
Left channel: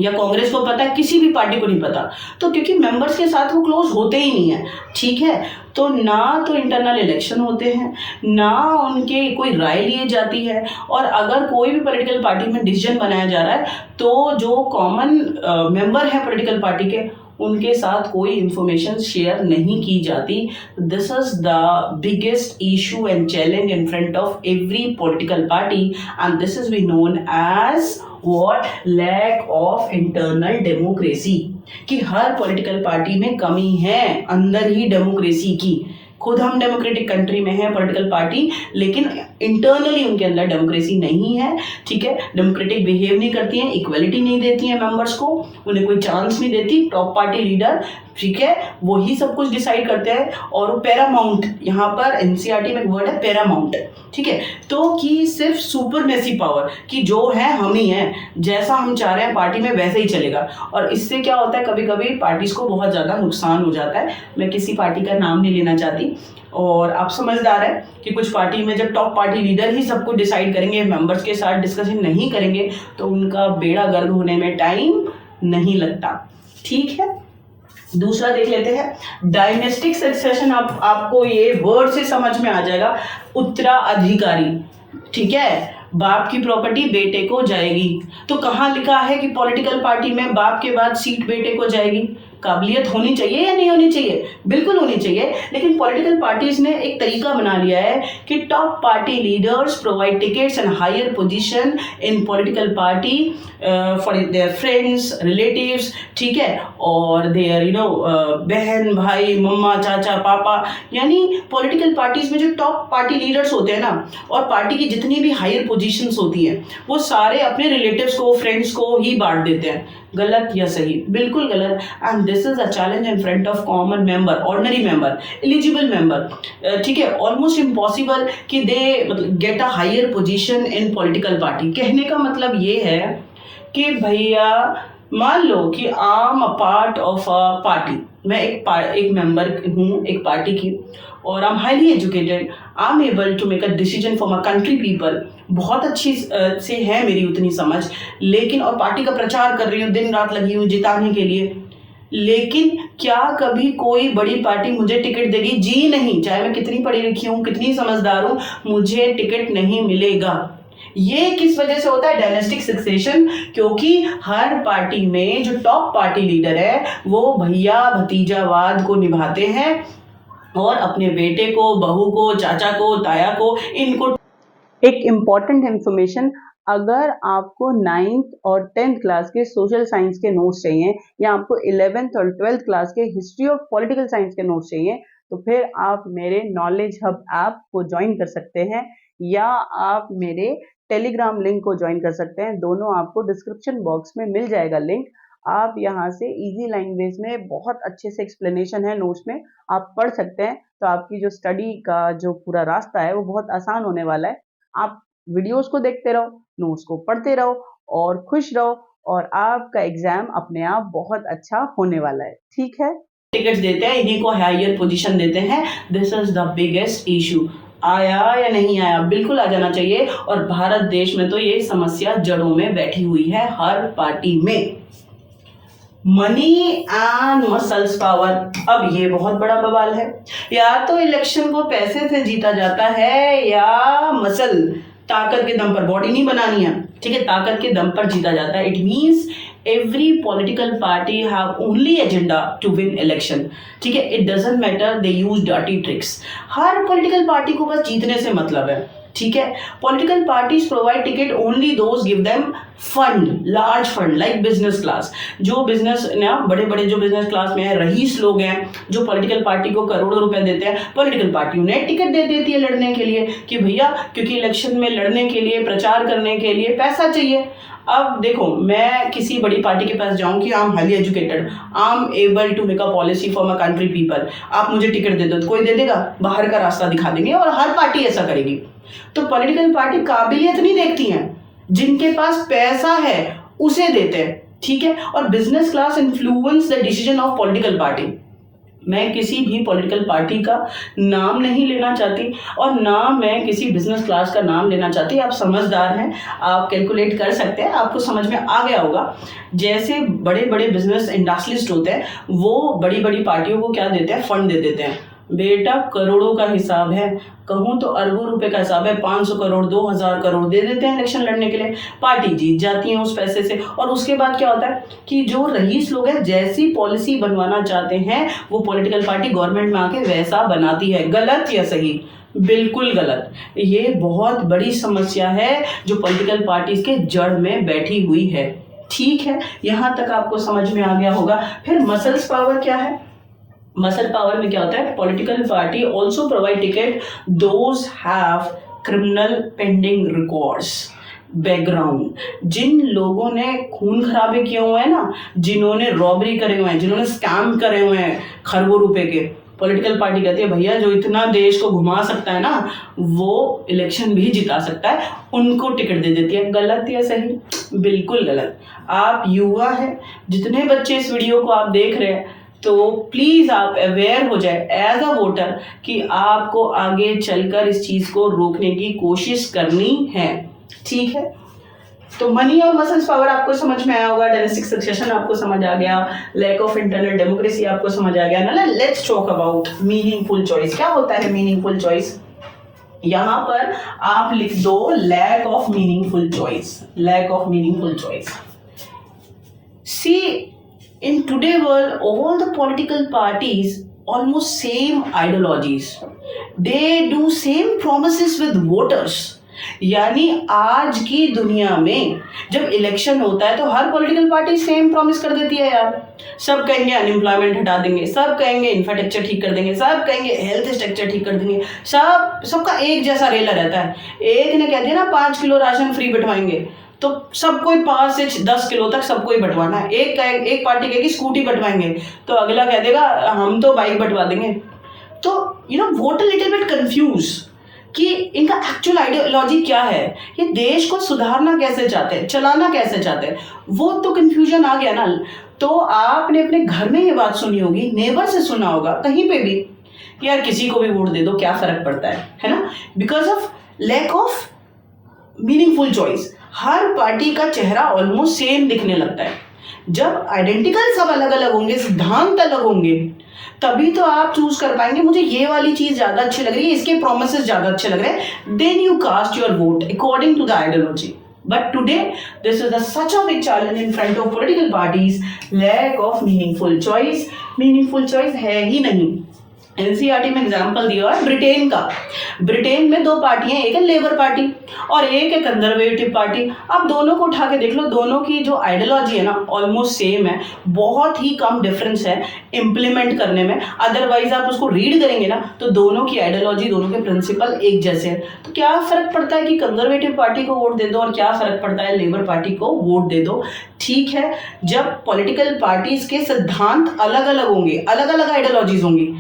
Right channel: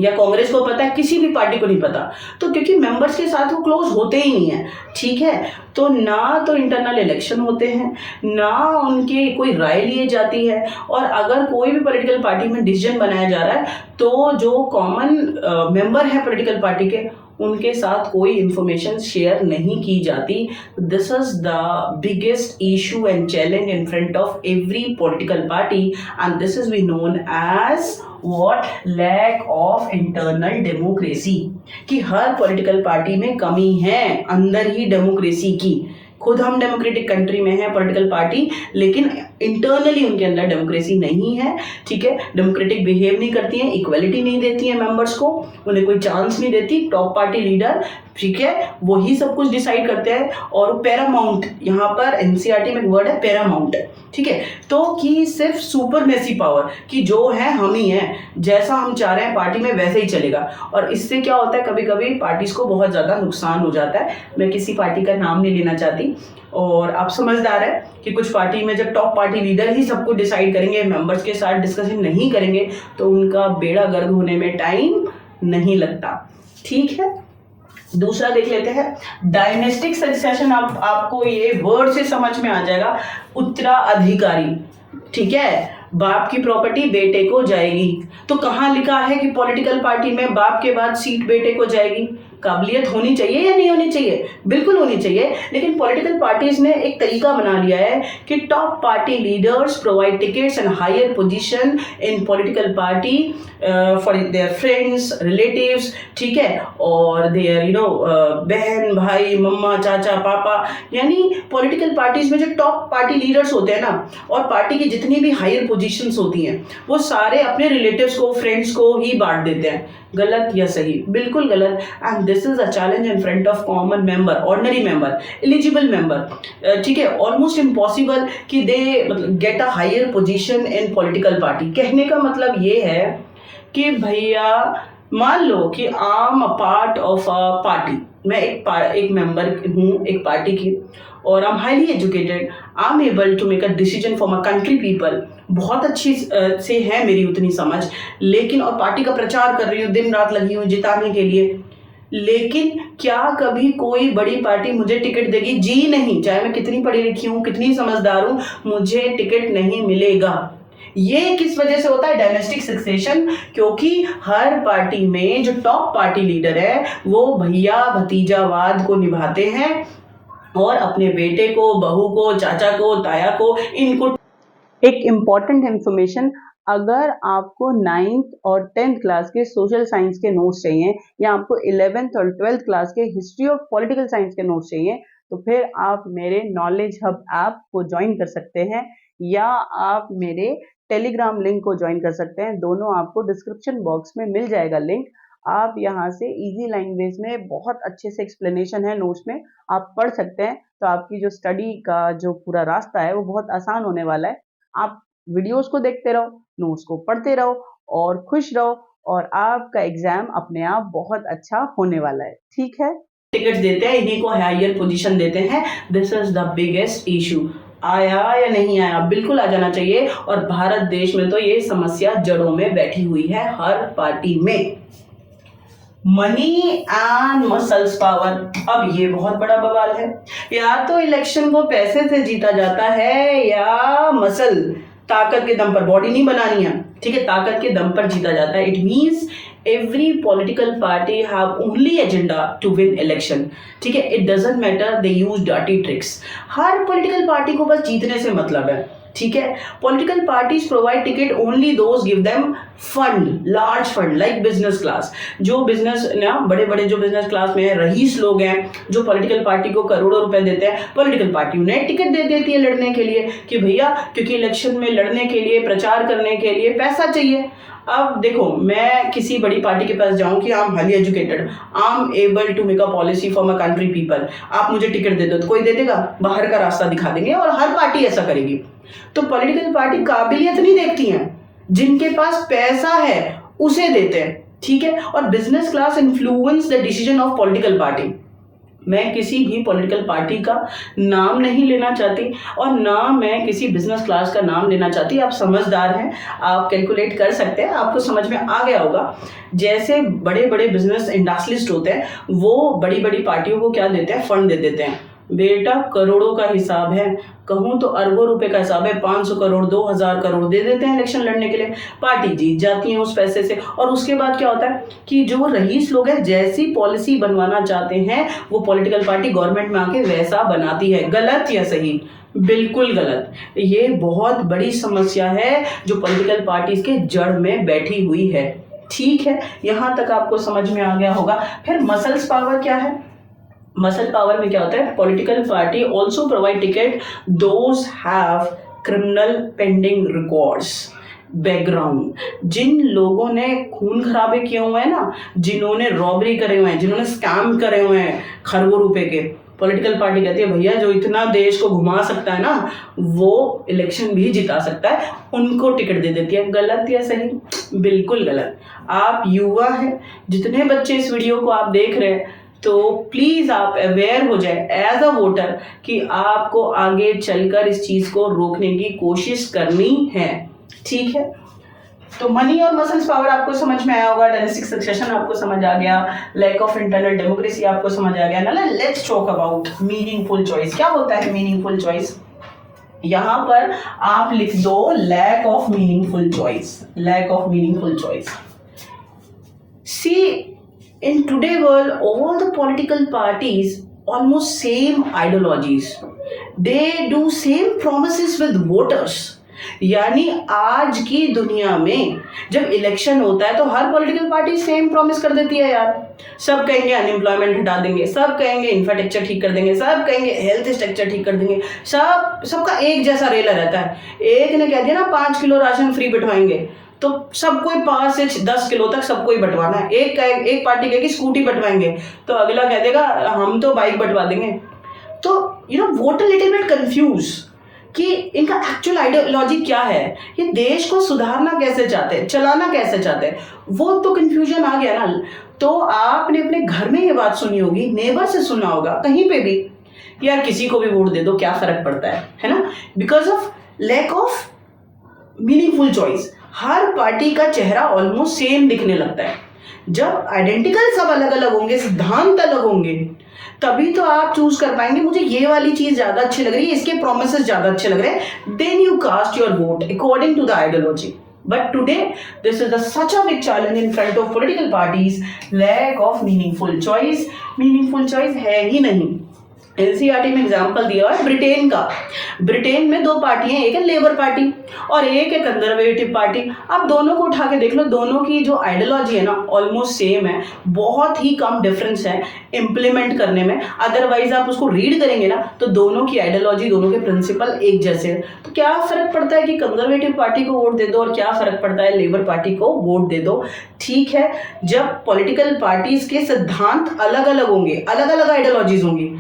या कांग्रेस को पता है? किसी भी पार्टी को नहीं पता। तो क्योंकि मेंबर्स के साथ वो क्लोज होते ही नहीं है। ठीक है, तो ना तो इंटरनल इलेक्शन होते हैं, ना उनके कोई राय लिए जाती है, और अगर कोई भी पॉलिटिकल पार्टी में डिसीजन बनाया जा रहा है तो जो कॉमन मेंबर हैं पॉलिटिकल पार्टी के, उनके साथ कोई इंफॉर्मेशन शेयर नहीं की जाती। This is the biggest issue and challenge in front of every political party, and this is we known as what? Lack of internal democracy. कि हर पॉलिटिकल पार्टी में कमी है अंदर ही डेमोक्रेसी की। खुद हम डेमोक्रेटिक कंट्री में है पॉलिटिकल पार्टी, लेकिन इंटरनली उनके अंदर डेमोक्रेसी नहीं है। ठीक है, डेमोक्रेटिक बिहेव नहीं करती हैं, इक्वलिटी नहीं देती हैं मेंबर्स को, उन्हें कोई चांस नहीं देती। टॉप पार्टी लीडर, ठीक है, वही सब कुछ डिसाइड करते हैं। और पैरामाउंट, यहाँ पर एनसीईआरटी में एक वर्ड है पैरामाउंट, ठीक है, तो कि सिर्फ सुपरमेसी पावर, कि जो है हम ही हैं, जैसा हम चाह रहे हैं पार्टी में वैसे ही चलेगा। और इससे क्या होता है, कभी कभी पार्टीज को बहुत ज़्यादा नुकसान हो जाता है। मैं किसी पार्टी का नाम नहीं लेना चाहती, और आप समझदार है कि कुछ पार्टी में जब टॉप पार्टी लीडर ही सब कुछ डिसाइड करेंगे, मेंबर्स के साथ डिस्कशन नहीं करेंगे, तो उनका बेड़ा गर्क होने में टाइम नहीं लगता। ठीक है, दूसरा देख लेते हैं, डायनेस्टिक सक्सेशन। आपको ये वर्ड से समझ में आ जाएगा, उत्तराधिकारी। ठीक है, बाप की प्रॉपर्टी बेटे को जाएगी। तो कहाँ लिखा है कि पॉलिटिकल पार्टी में बाप के बाद सीट बेटे को जाएगी? काबिलियत होनी चाहिए या नहीं होनी चाहिए? बिल्कुल होनी चाहिए। लेकिन पॉलिटिकल पार्टीज ने एक तरीका बना लिया है कि top party leaders provide tickets and higher position in political party for their friends, relatives, ठीक है, और देयर बहन, भाई, मम्मा, चाचा, पापा। यानी पॉलिटिकल पार्टीज में जो टॉप पार्टी लीडर्स होते हैं ना, और पार्टी की जितनी भी हायर पोजीशंस होती हैं, वो सारे अपने रिलेटिव्स को, फ्रेंड्स को ही बांट देते हैं। गलत या सही? बिल्कुल गलत। And this is a challenge in front of common member, ordinary member, eligible member. ठीक है, ऑलमोस्ट इम्पॉसिबल कि दे मतलब get a higher position in political party. कहने का मतलब ये है कि भैया मान लो कि I am a part of a party, मैं एक मेंबर हूँ एक पार्टी की, और I am highly educated, I am able to make a decision for my country people. बहुत अच्छी से है मेरी उतनी समझ, लेकिन और पार्टी का प्रचार कर रही हूँ, दिन रात लगी हूँ जिताने के लिए। लेकिन क्या कभी कोई बड़ी पार्टी मुझे टिकट देगी? जी नहीं। चाहे मैं कितनी पढ़ी लिखी हूँ, कितनी समझदार हूँ, मुझे टिकट नहीं मिलेगा। ये किस वजह से होता है? Dynastic succession. क्योंकि हर पार्टी में जो टॉप पार्टी लीडर है वो भैया भतीजावाद को निभाते हैं, और अपने बेटे को, बहू को, चाचा को, ताया को, इनको। एक इम्पॉर्टेंट इंफॉर्मेशन, अगर आपको 9th और 10th क्लास के सोशल साइंस के नोट्स चाहिए, या आपको 11th और 12th क्लास के हिस्ट्री ऑफ पॉलिटिकल साइंस के नोट्स चाहिए, तो फिर आप मेरे नॉलेज हब ऐप को ज्वाइन कर सकते हैं, या आप मेरे टेलीग्राम लिंक को ज्वाइन कर सकते हैं। दोनों आपको डिस्क्रिप्शन बॉक्स में मिल जाएगा लिंक। आप यहाँ से इजी लैंग्वेज में बहुत अच्छे से एक्सप्लेनेशन है नोट्स में, आप पढ़ सकते हैं। तो आपकी जो स्टडी का जो पूरा रास्ता है वो बहुत आसान होने वाला है। आप वीडियोस को देखते रहो, नोट्स को पढ़ते रहो, और खुश रहो, और आपका एग्जाम अपने आप बहुत अच्छा होने वाला है। ठीक है, टिकट्स देते हैं, इन्हीं को हायर पोजीशन देते हैं। This is the biggest issue. आया या नहीं आया? बिल्कुल आ जाना चाहिए। और भारत देश में तो ये समस्या जड़ों में बैठी हुई है हर पार्टी में। मनी एंड मसल्स पावर, अब ये बहुत बड़ा बवाल है। या तो इलेक्शन को पैसे से जीता जाता है या मसल, ताकत के दम पर, बॉडी नहीं बनानी है, ठीक है, ताकत के दम पर जीता जाता है। It means every political party have only agenda to win election, ठीक है। It doesn't matter they use dirty tricks. हर पॉलिटिकल पार्टी को बस जीतने से मतलब है, ठीक है। Political parties provide ticket only those give them fund, large fund like business class. जो बिजनेस ना बड़े बड़े जो बिजनेस क्लास में है, रईस लोग हैं जो पॉलिटिकल पार्टी को करोड़ों रुपए देते हैं, पॉलिटिकल पार्टी उन्हें टिकट दे देती है लड़ने के लिए कि भैया क्योंकि इलेक्शन में लड़ने के लिए, प्रचार करने के लिए पैसा चाहिए। अब देखो, मैं किसी बड़ी पार्टी के पास जाऊं कि I am highly educated, I am able to make a policy for my country people, आप मुझे टिकट दे दो, तो कोई दे देगा? बाहर का रास्ता दिखा देंगे और हर पार्टी ऐसा करेगी। तो पॉलिटिकल पार्टी काबिलियत नहीं देखती हैं, जिनके पास पैसा है उसे देते हैं, ठीक है। और business class influence the decision of political party. मैं किसी भी पॉलिटिकल पार्टी का नाम नहीं लेना चाहती और ना मैं किसी बिजनेस क्लास का नाम लेना चाहती। आप समझदार हैं, आप कैलकुलेट कर सकते हैं, आपको समझ में आ गया होगा। जैसे बड़े बड़े बिजनेस इंडस्ट्रियलिस्ट होते हैं, वो बड़ी बड़ी पार्टियों को क्या देते हैं? फंड दे देते हैं। बेटा करोड़ों का हिसाब है, कहूँ तो अरबों रुपए का हिसाब है। 500 करोड़, 2000 करोड़ दे देते हैं इलेक्शन लड़ने के लिए, पार्टी जीत जाती है उस पैसे से। और उसके बाद क्या होता है कि जो रईस लोग हैं जैसी पॉलिसी बनवाना चाहते हैं वो पॉलिटिकल पार्टी गवर्नमेंट में आके वैसा बनाती है। गलत या सही? बिल्कुल गलत। ये बहुत बड़ी समस्या है जो पॉलिटिकल पार्टीज के जड़ में बैठी हुई है, ठीक है। यहाँ तक आपको समझ में आ गया होगा। फिर मसल्स पावर क्या है? मसल पावर में क्या होता है? Political party also provide ticket those have criminal pending records, background. जिन लोगों ने खून खराबे किए हुए हैं ना, जिन्होंने रॉबरी करे हुए हैं, जिन्होंने स्कैम करे हुए हैं खरबों रुपए के, पॉलिटिकल पार्टी कहती है भैया जो इतना देश को घुमा सकता है ना, वो इलेक्शन भी जिता सकता है, उनको टिकट दे देती है। गलत या सही? बिल्कुल गलत। आप युवा हैं, जितने बच्चे इस वीडियो को आप देख रहे हैं, तो प्लीज़ आप अवेयर हो जाए एज अ वोटर कि आपको आगे चलकर इस चीज़ को रोकने की कोशिश करनी है, ठीक है। तो मनी और मसल्स पावर आपको समझ में आया होगा, डायनेस्टिक सक्सेशन आपको समझ आ गया, लैक ऑफ इंटरनल डेमोक्रेसी आपको समझ आ गया ना। Let's talk about meaningful choice. क्या होता है मीनिंगफुल चॉइस? यहाँ पर आप लिख दो lack of meaningful choice, lack of meaningful choice. See, in today world all the political parties almost same ideologies, they do same promises with voters। यानी आज की दुनिया में जब इलेक्शन होता है तो हर पॉलिटिकल पार्टी सेम प्रॉमिस कर देती है यार। सब कहेंगे अनएम्प्लॉयमेंट हटा देंगे, सब कहेंगे इंफ्रास्ट्रक्चर ठीक कर देंगे, सब कहेंगे हेल्थ स्ट्रक्चर ठीक कर देंगे, सबका एक जैसा रेला रहता है। एक ने कह दिया ना 5 किलो राशन फ्री बंटवाएंगे, तो सबको 5 से 10 किलो तक सबको ही बंटवाना है। एक पार्टी कहेगी स्कूटी बंटवाएंगे, तो अगला कह देगा हम तो बाइक बंटवा देंगे। तो वोटर लिटिल बिट कंफ्यूज कि इनका एक्चुअल आइडियोलॉजी क्या है, ये देश को सुधारना कैसे चाहते हैं, चलाना कैसे चाहते हैं, वो तो कंफ्यूजन आ गया ना। तो आपने अपने घर में ये बात सुनी होगी, नेबर से सुना होगा, कहीं पे भी, यार किसी को भी वोट दे दो क्या फर्क पड़ता है ना। Because of lack of meaningful choice हर पार्टी का चेहरा ऑलमोस्ट सेम दिखने लगता है। जब आइडेंटिकल सब अलग अलग होंगे, सिद्धांत अलग होंगे, तभी तो आप चूज कर पाएंगे मुझे ये वाली चीज ज्यादा अच्छी लग रही है, इसके प्रोमिसेस ज्यादा अच्छे लग रहे हैं। Then you cast your vote according to the ideology. But today, this is such a big challenge in front of political parties, lack of meaningful choice। meaningful choice है ही नहीं। एनसीईआरटी में एग्जाम्पल दिया है ब्रिटेन का। Britain में 2 पार्टियां, एक है लेबर पार्टी और एक है कंजर्वेटिव पार्टी। आप दोनों को उठा के देख लो, दोनों की जो आइडियोलॉजी है ना ऑलमोस्ट सेम है, बहुत ही कम डिफरेंस है इम्प्लीमेंट करने में। अदरवाइज आप उसको रीड करेंगे ना तो दोनों की आइडियोलॉजी, दोनों के प्रिंसिपल एक जैसे हैं। तो क्या फर्क पड़ता है कि कंजर्वेटिव पार्टी को वोट दे दो और क्या फर्क पड़ता है लेबर पार्टी को वोट दे दो, ठीक है। जब पॉलिटिकल पार्टीज के सिद्धांत अलग अलग होंगे, अलग अलग आइडियोलॉजीज होंगी,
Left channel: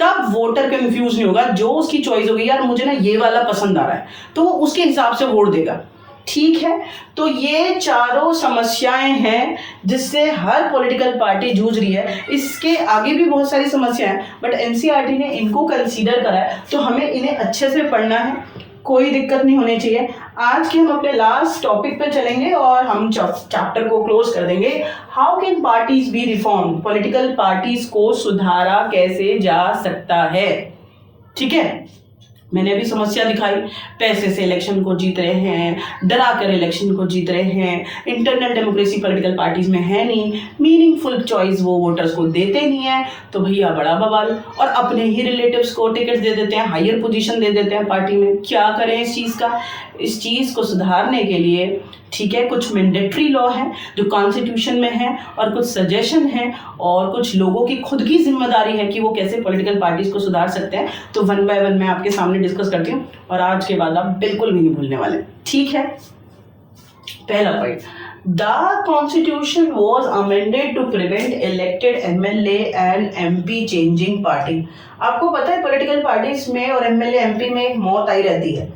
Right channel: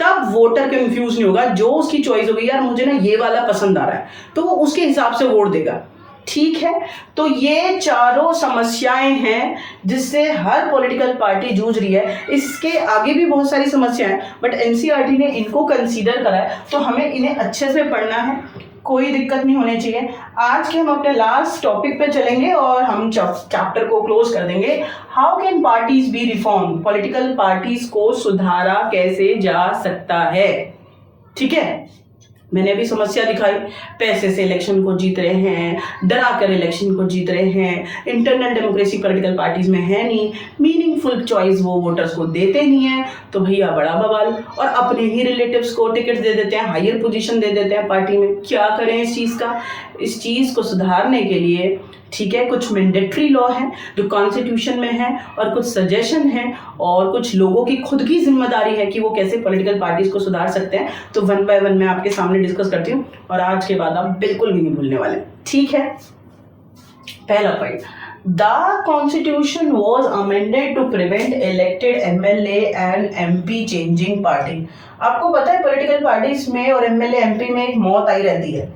तब वोटर कंफ्यूज नहीं होगा। जो उसकी चॉइस होगी, यार मुझे ना ये वाला पसंद आ रहा है, तो वो उसके हिसाब से वोट देगा। ठीक है, तो ये चारों समस्याएं हैं जिससे हर पॉलिटिकल पार्टी जूझ रही है। इसके आगे भी बहुत सारी समस्याएं, बट एनसीईआरटी ने इनको कंसीडर करा है, तो हमें इन्हें अच्छे से पढ़ना है, कोई दिक्कत नहीं होनी चाहिए। आज के हम अपने लास्ट टॉपिक पे चलेंगे और हम चैप्टर को क्लोज कर देंगे। How can parties B reform, political parties को सुधारा कैसे जा सकता है। ठीक है, मैंने अभी समस्या दिखाई, पैसे से इलेक्शन को जीत रहे हैं, डरा कर इलेक्शन को जीत रहे हैं, इंटरनल डेमोक्रेसी पॉलिटिकल पार्टीज में है नहीं, मीनिंगफुल चॉइस वो वोटर्स को देते नहीं है, तो भैया बड़ा बवाल, और अपने ही रिलेटिव्स को टिकट दे देते हैं, हायर पोजीशन दे देते हैं पार्टी में। क्या करें इस चीज़ को सुधारने के लिए, ठीक है, कुछ मैंडेटरी लॉ है जो कॉन्स्टिट्यूशन में है, और कुछ सजेशन है, और कुछ लोगों की खुद की जिम्मेदारी है कि वो कैसे पॉलिटिकल पार्टीज को सुधार सकते हैं। तो वन बाय वन मैं आपके सामने डिस्कस करती हूँ, और आज के बाद आप बिल्कुल भी नहीं भूलने वाले। ठीक है, पहला point, the constitution was amended to prevent elected MLA and MP changing party. आपको पता है पॉलिटिकल पार्टीज में और MLA MP में एक मौत आई रहती है,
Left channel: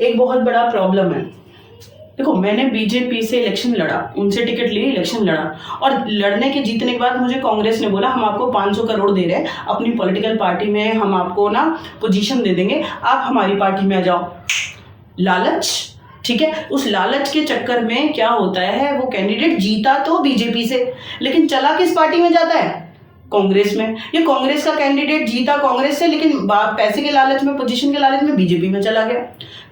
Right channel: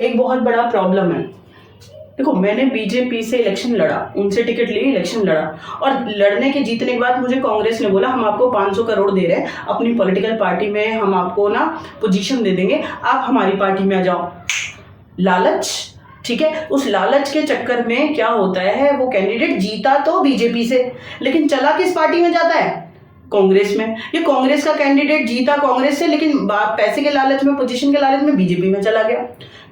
एक बहुत बड़ा प्रॉब्लम है। देखो, मैंने बीजेपी से इलेक्शन लड़ा, उनसे टिकट ली, इलेक्शन लड़ा, और लड़ने के जीतने के बाद मुझे कांग्रेस ने बोला हम आपको 500 करोड़ दे रहे हैं, अपनी पॉलिटिकल पार्टी में हम आपको ना पोजीशन दे देंगे, आप हमारी पार्टी में आ जाओ। लालच, ठीक है, उस लालच के चक्कर में क्या होता है, वो कैंडिडेट जीता तो बीजेपी से, लेकिन चला किस पार्टी में जाता है, कांग्रेस में। ये कांग्रेस का कैंडिडेट जीता कांग्रेस से, लेकिन पैसे के लालच में, पोजीशन के लालच में बीजेपी में चला गया।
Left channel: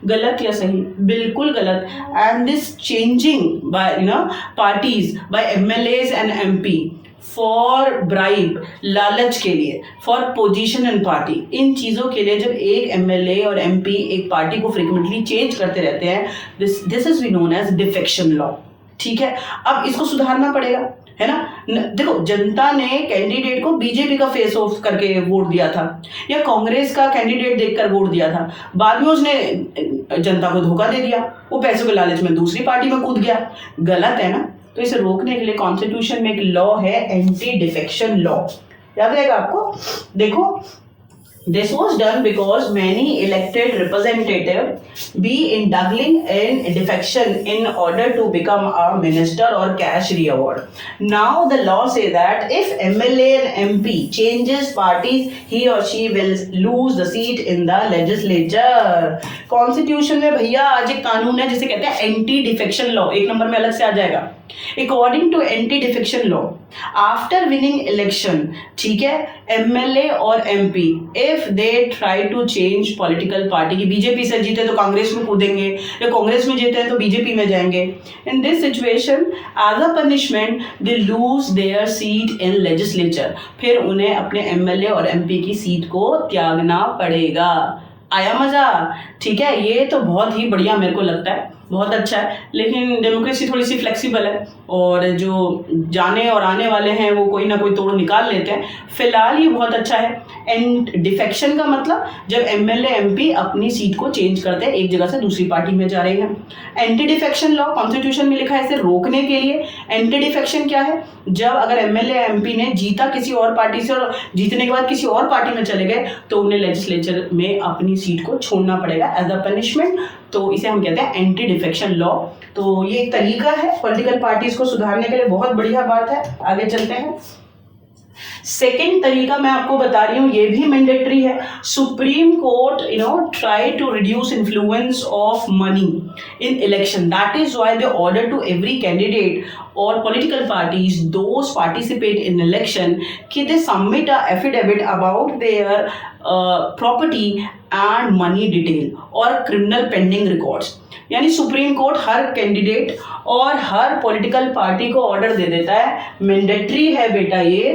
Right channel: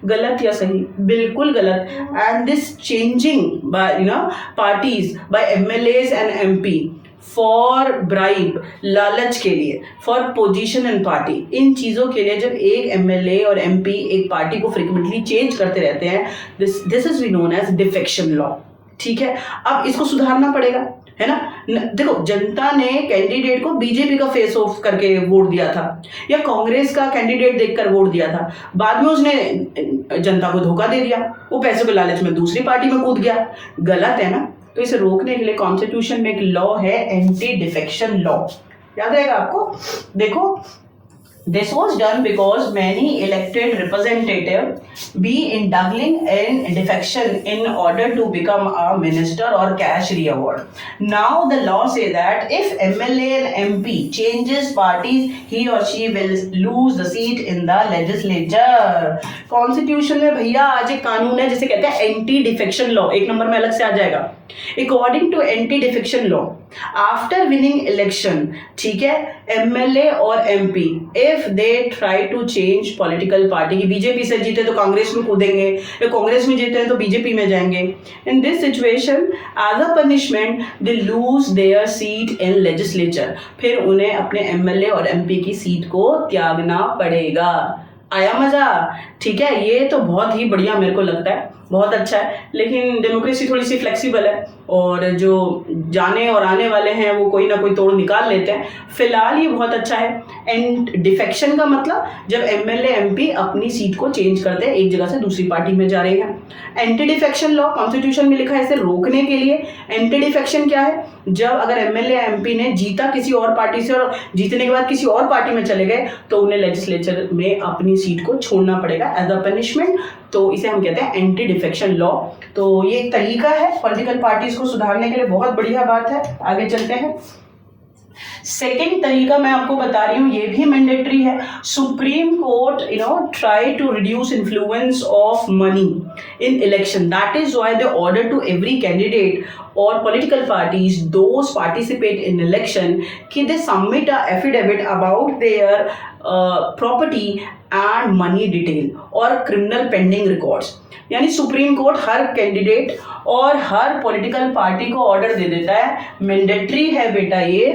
गलत या सही? बिल्कुल गलत। And this changing by parties by MLAs and MP for bribe, लालच के लिए, फॉर पोजीशन एंड पार्टी, इन चीज़ों के लिए जब एक MLA और MP एक पार्टी को फ्रिक्वेंटली चेंज करते रहते हैं, this is we known as defection law. ठीक है, अब इसको सुधारना पड़ेगा, है ना। देखो, जनता ने कैंडिडेट को बीजेपी का फेस ऑफ करके वोट दिया था, या कांग्रेस का कैंडिडेट देखकर वोट दिया था, बाद में उसने जनता को धोखा दे दिया, वो पैसों के लालच में दूसरी पार्टी में कूद गया। गलत है ना। तो इसे रोकने के लिए कॉन्स्टिट्यूशन में एक लॉ है, एंटी डिफेक्शन लॉ, याद रहेगा आपको। देखो, this was done because many elected representatives be indulging in defection in order to become a minister or cash reward. Now the law say that if MLA and MP changes parties, he or she will lose the seat in the legislature. Constitution में भैया आज एक कानून है जिसे कहते हैं anti defection law, एक नंबर में अलग से आ जाएगा। According to anti defection law, after winning election, ठीक है, MLA और MP if they try to change political party, की बीजेपी से जीते तो कांग्रेस में कूदेंगे, या कांग्रेस में जीते हैं तो बीजेपी में जाएंगे। In this situation as a punishment they lose their seat in legislature, फिर उन्हें अपने MLA और MP की सीट को त्यागना पड़ेगा। आया मजा? ठीक है, ये तो बहुत ही बढ़िया मेरे को लगता है, बहुत अच्छा है। लेकिन डेमोक्रेसी थोड़ी सी फ्लेक्सिबल है, और जो जाने और आने वाले हैं वो कोई ना कोई तोड़ निकाल लेते हैं। फिलहाल ये बहुत अच्छा है। एंड डिफेक्शन का मतलब जब MLA MP अपनी सीट को चेंज करते हैं, एक जगह से दूसरी पार्टी में जा रहे हैं। एंटी डिफेक्शन लॉ कॉन्स्टिट्यूशन में लिखा है, इसे रोकने के लिए। एंटी डिफेक्शन क्या है? जब अगर MLA MP ने जीता किसी और पार्टी से और जीतने के बाद किसी और पार्टी में चले गए, तो उन्हें लेजिस्लेचर में अपनी सीट को छोड़ना पड़ेगा एज अ पनिशमेंट। तो इसे हम कहते हैं एंटी डिफेक्शन लॉ। तो ये एक तरीका है पॉलिटिकल पार्टीज को सुधारने के लिए, बहुत बढ़िया बात है। आगे चलते हैं। सेकेंड तरीका मैं आपको बता रही हूँ, ये भी मैंडेटरी है। Supreme Court try to reduce influence of money in election, that is why they order to every candidate or political parties those participate in election कि they submit a affidavit about their property and money detail और criminal pending records। यानी supreme court हर candidate और हर political party को order दे देता है, mandatory है बेटा ये,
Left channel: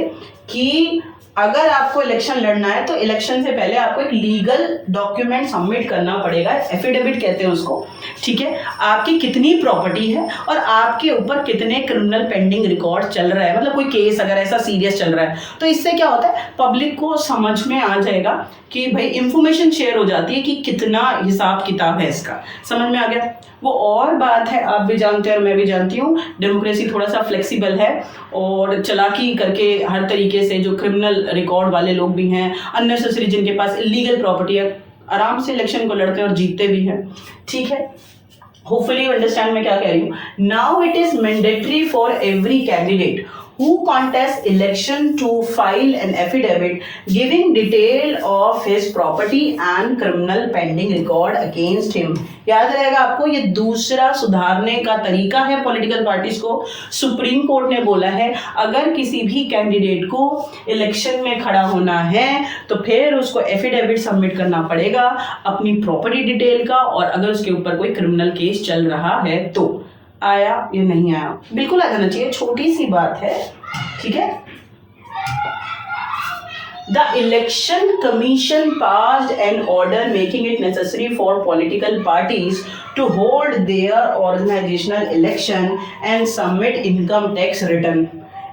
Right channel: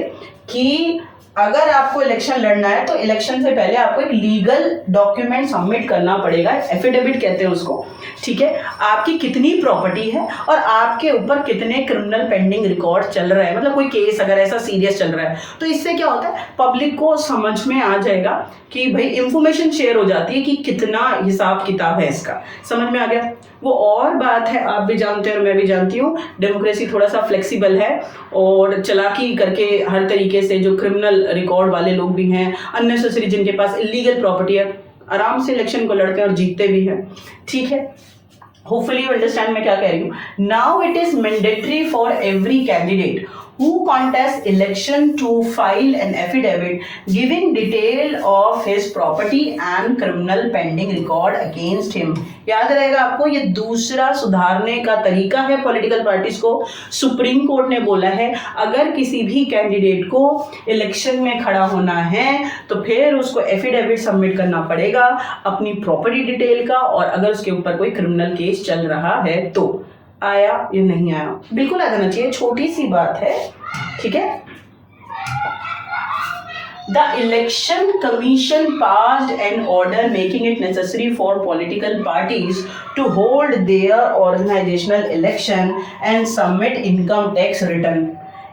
कि अगर आपको इलेक्शन लड़ना है तो इलेक्शन से पहले आपको एक लीगल डॉक्यूमेंट सबमिट करना पड़ेगा, एफिडेविट कहते हैं उसको। ठीक है, आपकी कितनी प्रॉपर्टी है और आपके ऊपर कितने क्रिमिनल पेंडिंग रिकॉर्ड चल रहे हैं, मतलब कोई केस अगर ऐसा सीरियस चल रहा है, तो इससे क्या होता है, पब्लिक को समझ में आ जाएगा कि भाई इंफॉर्मेशन शेयर हो जाती है कि कितना हिसाब किताब है इसका। समझ में आ गया? वो और बात है, आप भी जानते हैं और मैं भी जानती हूँ, डेमोक्रेसी थोड़ा सा फ्लेक्सिबल है और चालाकी करके हर तरीके से जो क्रिमिनल रिकॉर्ड वाले लोग भी हैं, अननेसेसरी जिनके पास इलीगल प्रॉपर्टी है, आराम से इलेक्शन को लड़ते हैं और जीतते भी हैं। ठीक है, होपफुली यू अंडरस्टैंड मैं क्या कह रही हूँ. Now it is mandatory for every candidate who contest election to file an affidavit giving detail of his property and criminal pending record against him. याद रहेगा आपको, ये दूसरा सुधारने का तरीका है पॉलिटिकल पार्टीज को. सुप्रीम कोर्ट ने बोला है अगर किसी भी कैंडिडेट को इलेक्शन में खड़ा होना है तो फिर उसको एफिडेविट सबमिट करना पड़ेगा अपनी प्रॉपर्टी डिटेल का, और अगर उसके ऊपर कोई क्रिमिनल केस चल रहा है तो. आया या नहीं आया? बिल्कुल आ जाना चाहिए, छोटी सी बात है. ठीक है. The election commission passed an order making it necessary for political parties to hold their organizational election and submit income tax return.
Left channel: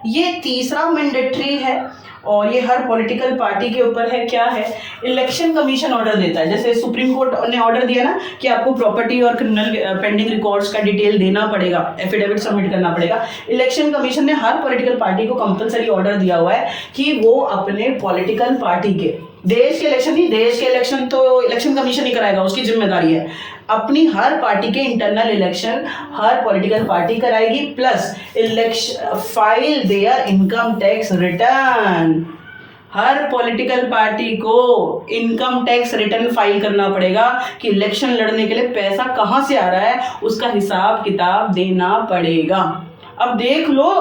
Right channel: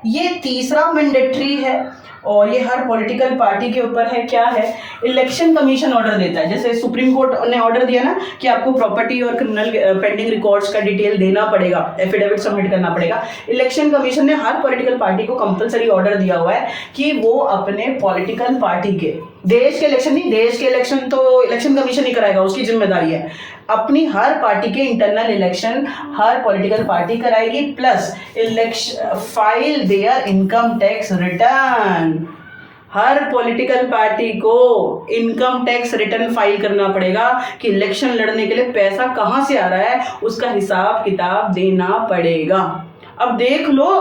ये तीसरा मैंडेटरी है और ये हर पॉलिटिकल पार्टी के ऊपर है. क्या है? इलेक्शन कमीशन ऑर्डर देता है. जैसे सुप्रीम कोर्ट ने ऑर्डर दिया ना कि आपको प्रॉपर्टी और क्रिमिनल पेंडिंग रिकॉर्ड्स का डिटेल देना पड़ेगा, एफिडेविट सबमिट करना पड़ेगा. इलेक्शन कमीशन ने हर पॉलिटिकल पार्टी को कंपलसरी ऑर्डर दिया हुआ है कि वो अपने पॉलिटिकल पार्टी के, देश के इलेक्शन नहीं, देश के इलेक्शन तो इलेक्शन कमीशन ही कराएगा, उसकी जिम्मेदारी है. अपनी हर पार्टी के इंटरनल इलेक्शन हर पॉलिटिकल पार्टी कराएगी, plus election file there income tax return. Her political party को इनकम टैक्स रिटर्न फाइल करना पड़ेगा कि इलेक्शन लड़ने के लिए पैसा कहाँ से आ रहा है, उसका हिसाब किताब देना पड़ेगा. अब देख लो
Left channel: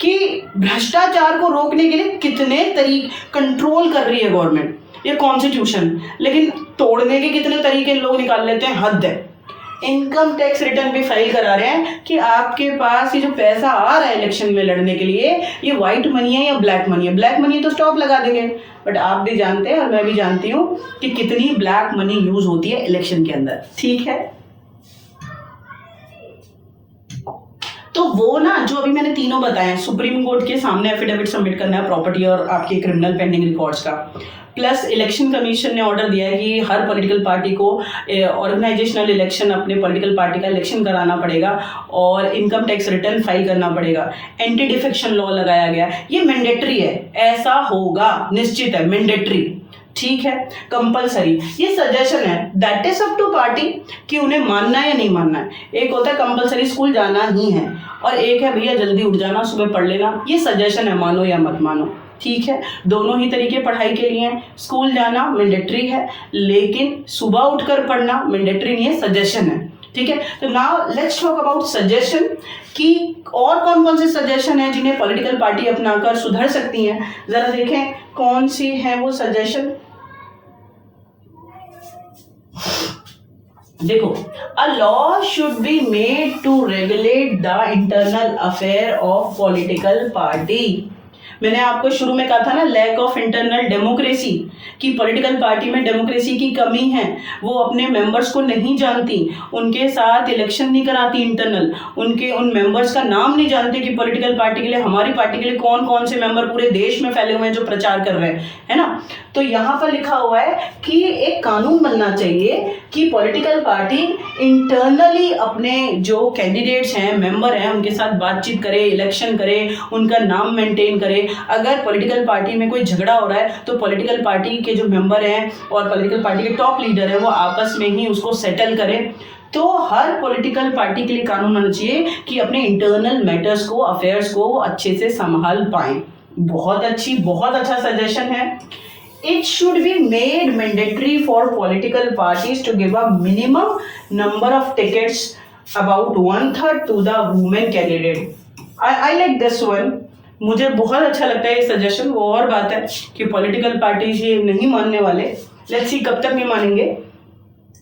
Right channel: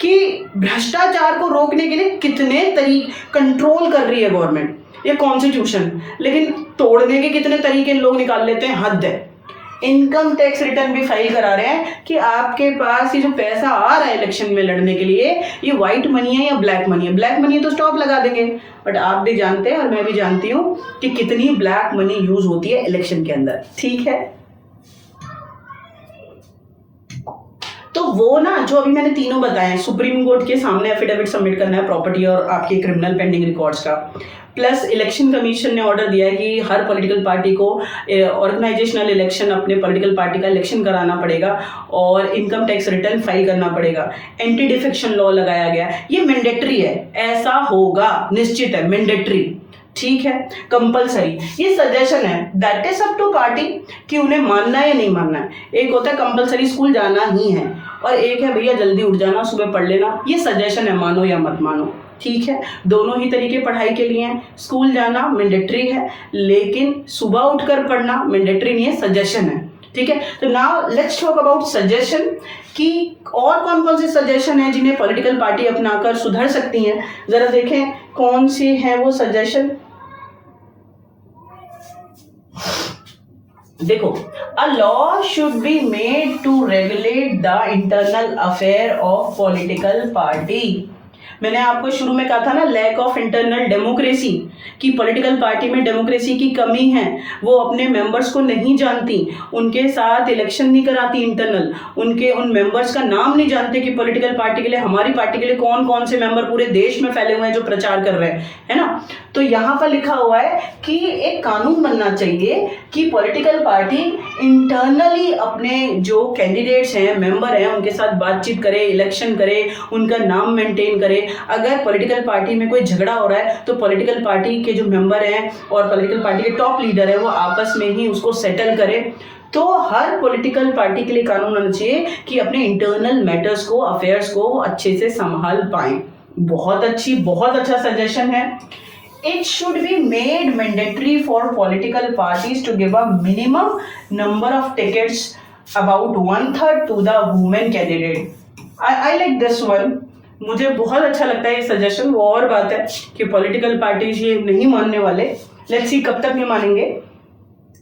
कि भ्रष्टाचार को रोकने के लिए कितने तरीके कंट्रोल कर रही है गवर्नमेंट, ये कॉन्स्टिट्यूशन, लेकिन तोड़ने के कितने तरीके लोग निकाल लेते हैं, हद है. इनकम टैक्स रिटर्न भी फाइल करा रहे हैं कि आपके पास ये जो पैसा आ रहा है इलेक्शन में लड़ने के लिए, ये व्हाइट मनी है या ब्लैक मनी है. ब्लैक मनी है तो स्टॉप लगा देंगे, बट आप भी जानते हैं और मैं भी जानती हूँ कि कितनी ब्लैक मनी यूज होती है इलेक्शन के अंदर. ठीक है. तो वो ना जो अभी मैंने तीनों बताए, सुप्रीम कोर्ट के सामने एफिडेविट सबमिट करना है प्रॉपर्टी और आपके क्रिमिनल पेंडिंग रिकॉर्ड्स का, प्लस इलेक्शन कमीशन ने ऑर्डर दिया है कि हर पॉलिटिकल पार्टी को ऑर्गेनाइजेशनल इलेक्शन, अपने पॉलिटिकल पार्टी का इलेक्शन कराना पड़ेगा और इनकम टैक्स रिटर्न फाइल करना पड़ेगा. एंटी डिफेक्शन लॉ लगाया गया, ये मैंडेटरी है, ऐसा होगा, निश्चित है, मैंडेटरी. ठीक है, कंपलसरी. ये सजेशन है, that is up to party कि उन्हें मानना है या नहीं मानना है. एक होता है कंपलसरी स्कूल जाना ही है, और एक है भैया जल्दी उठ जाना, सुबह पढ़ लेना. ये सजेशन है, मानो या मत मानो. ठीक है, दोनों ही तरीके पढ़ाई के लिए हैं. स्कूल जाना मैंडेटरी है, लेकिन सुबह उठकर पढ़ना मैंडेटरी नहीं है, सजेशन है. ठीक है. तो now let's talk about suggestion कि और कौन कौन से सजेशन हैं जिन्हें पॉलिटिकल पार्टी अपनाकर सुधर सकती हैं. जरा देखें कौन सी हैं वो सजेशन. देखो, a law should be made to regulate the internal affair of political party. मैंने आपको शुरू में कहा था ना, लैक ऑफ इंटरनल डेमोक्रेसी, कि पॉलिटिकल पार्टी में डेमोक्रेसी की कमी है. वो अपने मेंबर्स को नहीं जानती, उनके साथ इलेक्शन नहीं कराती इंटरनल, उनके उन मेंबर्स का नाम नहीं जानते कि पॉलिटिकल पार्टी के लिए, हमारी पार्टी के लिए कौन कौन से मेंबर पूरे देश में फैले हुए हैं जो प्रचार कर रहे हैं, है ना. तो यहाँ पर लिखा हुआ है कि एक कानून बनना चाहिए कि पॉलिटिकल पार्टी इंटरनली अपने जो कैंडिडेट्स हैं, मेंबर हैं, उनके साथ बातचीत करे, इलेक्शन करे, उनका नाम मेंटेन करे. अगर पॉलिटिकल पार्टी में कोई झगड़ा हो रहा है तो पॉलिटिकल पार्टी के जो मेंबर हैं और पॉलिटिकल पार्टी के टॉप लीडर हैं वो आपस में ही उसको सेटल करें. तो हर पॉलिटिकल पार्टी के लिए कानून होना चाहिए कि अपने इंटरनल मैटर्स को, अफेयर्स को अच्छे से संभाल पाएं. बहुत अच्छा सजेशन है. It should be made mandatory for political parties to give a minimum number of tickets, about 1/3 to the women candidate. I like this one. मुझे बहुत अच्छा लगता है ये सजेशन. वो और बात है कि पॉलिटिकल पार्टीज ये नहीं मानने वाले. लेट्स सी कब तक नहीं मानेंगे.